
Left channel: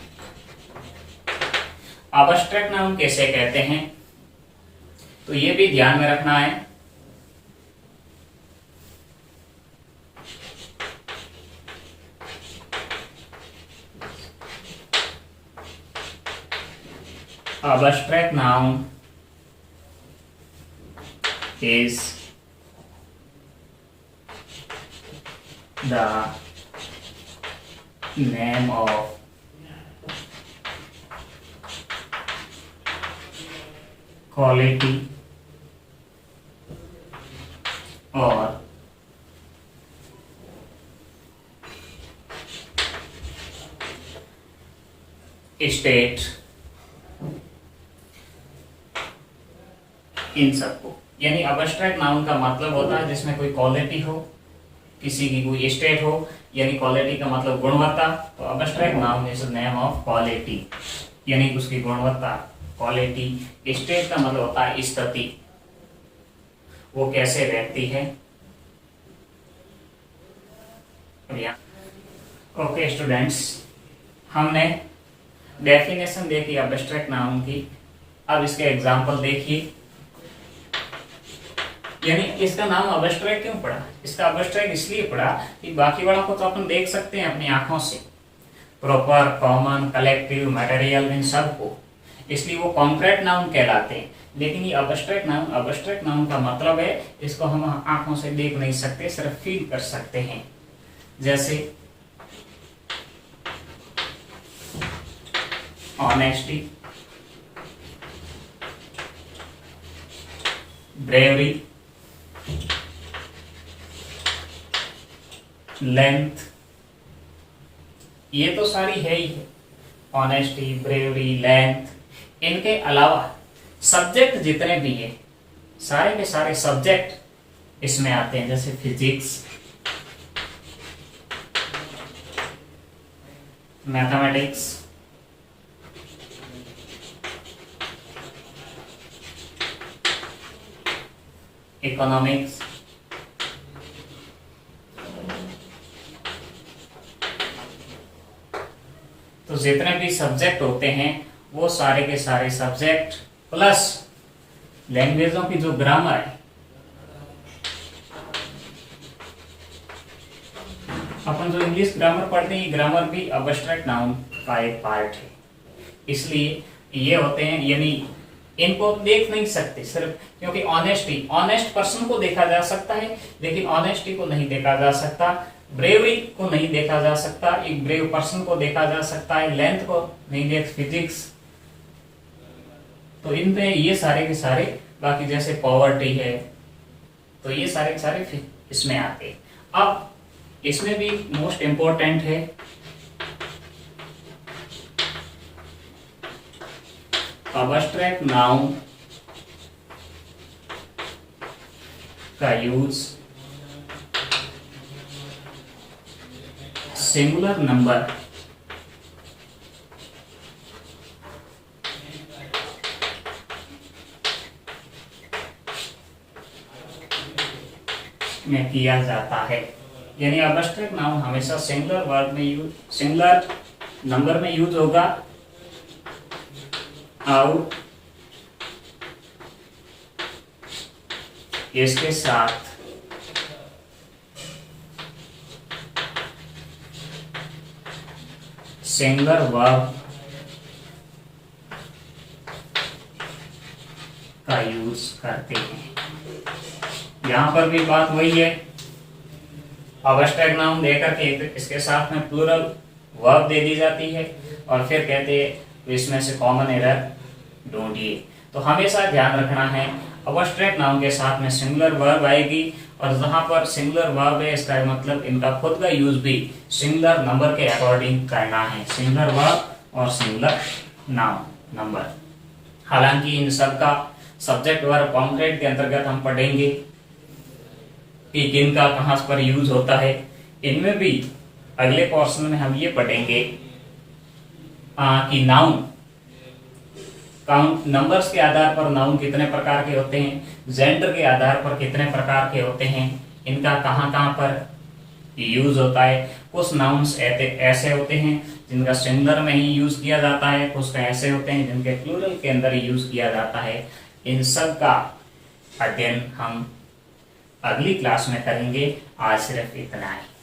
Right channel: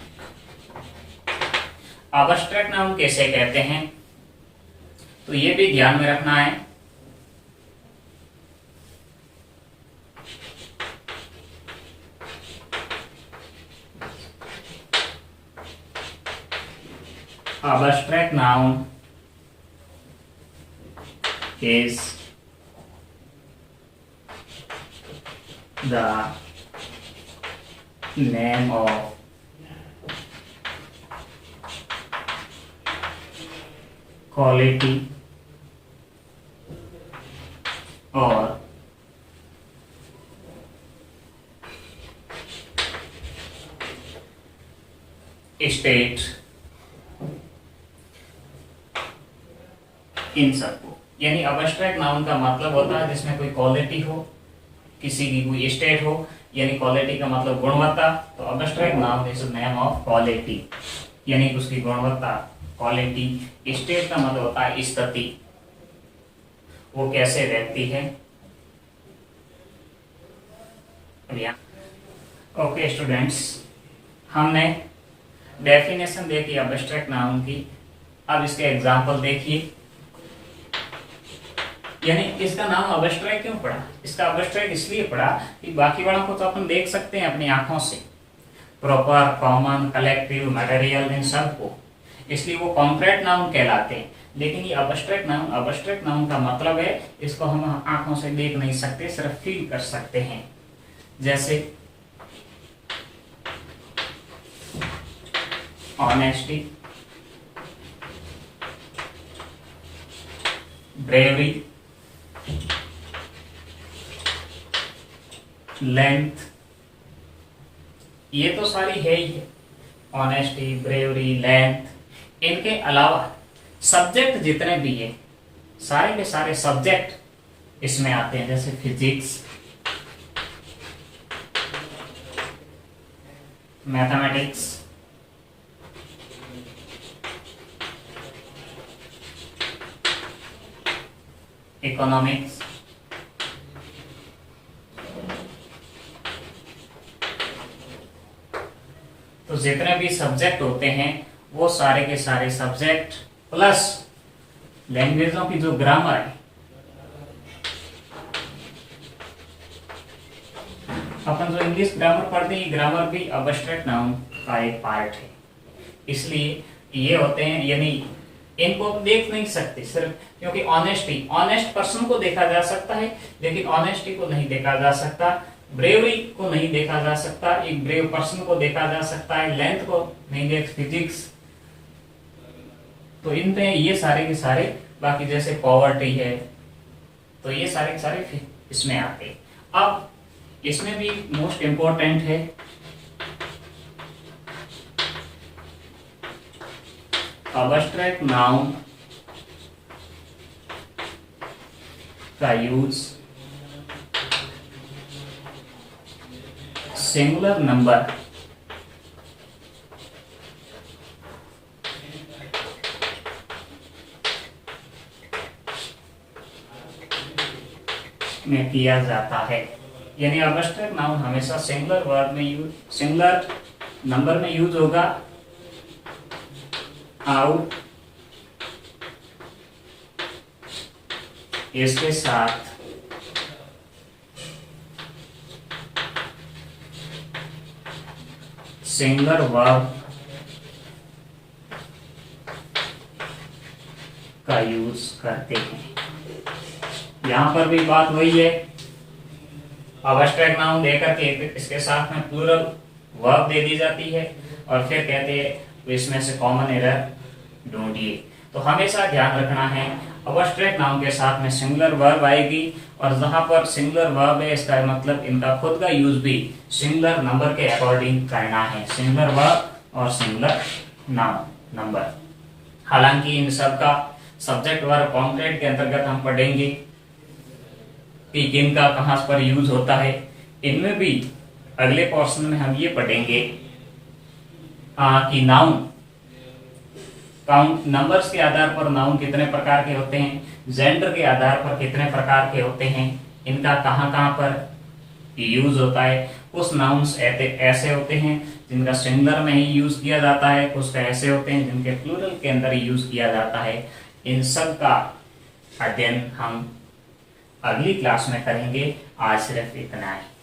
Abstract noun कैसे कहते हैं, तो ये भी ध्यान में रखना है। Abstract noun is the name of quality or state इन सबको। यानी अबस्ट्रैक्ट नाउन का मतलब होता है जिसमें कोई क्वालिटी हो, किसी की कोई स्टेट हो, यानी क्वालिटी का मतलब गुणवत्ता। तो abstract noun is name of quality, यानी उसकी गुणवत्ता, क्वालिटी। स्टेट का मतलब होता है स्थिति, वो कैसे रहती है। ओके स्टूडेंट्स, हमने डेफिनेशन देखी अबस्ट्रैक्ट नाउन की। अब इसके एग्जाम्पल देखिए। यानी इसका नाम अबस्ट्रैक्ट क्यों पड़ा? इसका अबस्ट्रैक्ट इसलिए पड़ा कि बाकी वालों को तो अपन देख सकते हैं अपनी आंखों से, प्रॉपर, कॉमन, कलेक्टिव, मटेरियल, इन सब को, इसलिए वो कॉन्क्रीट नाउन कहलाते हैं। लेकिन ये अबस्ट्रैक्ट नाउन का मतलब है इसको हम आंखों से देख नहीं सकते, सिर्फ फील कर सकते हैं। जैसे ऑनेस्टी, ब्रेवरी, लेंथ, ये तो सारी है ही है। ऑनेस्टी, ब्रेवरी, लेंथ, इनके अलावा सब्जेक्ट जितने भी हैं, सारे के सारे सब्जेक्ट इसमें आते हैं। जैसे फिजिक्स, मैथमेटिक्स, इकोनॉमिक्स, तो जितने भी सब्जेक्ट होते हैं वो सारे के सारे सब्जेक्ट प्लस लैंग्वेजों की जो ग्रामर है, अपन जो इंग्लिश ग्रामर पढ़ते हैं, ग्रामर भी एब्स्ट्रैक्ट नाउन का एक पार्ट है। इसलिए ये होते हैं, यानी इनको देख नहीं सकते सिर्फ, क्योंकि ऑनेस्ट पर्सन को देखा जा सकता है लेकिन ऑनेस्टी को नहीं देखा जा सकता, ब्रेवरी को नहीं देखा जा सकता, एक ब्रेव पर्सन को देखा जा सकता है, लेंथ को नहीं देख, फिजिक्स, तो इनमें ये सारे के सारे, बाकी जैसे पॉवर्टी है, तो ये सारे के सारे इसमें आते। अब इसमें भी मोस्ट इंपॉर्टेंट है एब्स्ट्रैक्ट नाउन का यूज सिंगुलर नंबर में किया जाता है। यानी एब्स्ट्रैक्ट नाउन हमेशा सिंगुलर वर्ड में यूज, सिंगुलर नंबर में यूज होगा, आउट इसके साथ सिंगुलर वर्ब का यूज करते हैं। यहां पर भी बात वही है, एब्स्ट्रैक्ट नाउन देकर के इसके साथ में प्लूरल वर्ब दे दी जाती है और फिर कहते हैं तो इसमें से कॉमन एरर ढूंढिए। तो हमेशा ध्यान रखना है एब्स्ट्रैक्ट नाउन के साथ में सिंगुलर वर्ब आएगी, और जहां पर सिंगुलर वर्ब है इसका मतलब इनका खुद का यूज भी सिंगुलर नंबर के अकॉर्डिंग करना है, सिंगुलर वर्ब और सिंगुलर नाउन नंबर। हालांकि इन सब का सब्जेक्ट वर्ब कॉन्क्रीट के अंतर्गत हम पढ़ेंगे कि किनका कहां पर यूज होता है। इनमें भी अगले पोर्शन में हम ये पढ़ेंगे कि नाउन, काउंट, नंबर्स के आधार पर नाउन कितने प्रकार के होते हैं, जेंडर के आधार पर कितने प्रकार के होते हैं, इनका कहां कहां पर यूज होता है। कुछ नाउन्स ऐसे होते हैं जिनका सिंगुलर में ही यूज किया जाता है, कुछ ऐसे होते हैं जिनके प्लूरल के अंदर यूज किया जाता है। इन सब का अध्ययन हम अगली क्लास में करेंगे। आज सिर्फ इतना ही।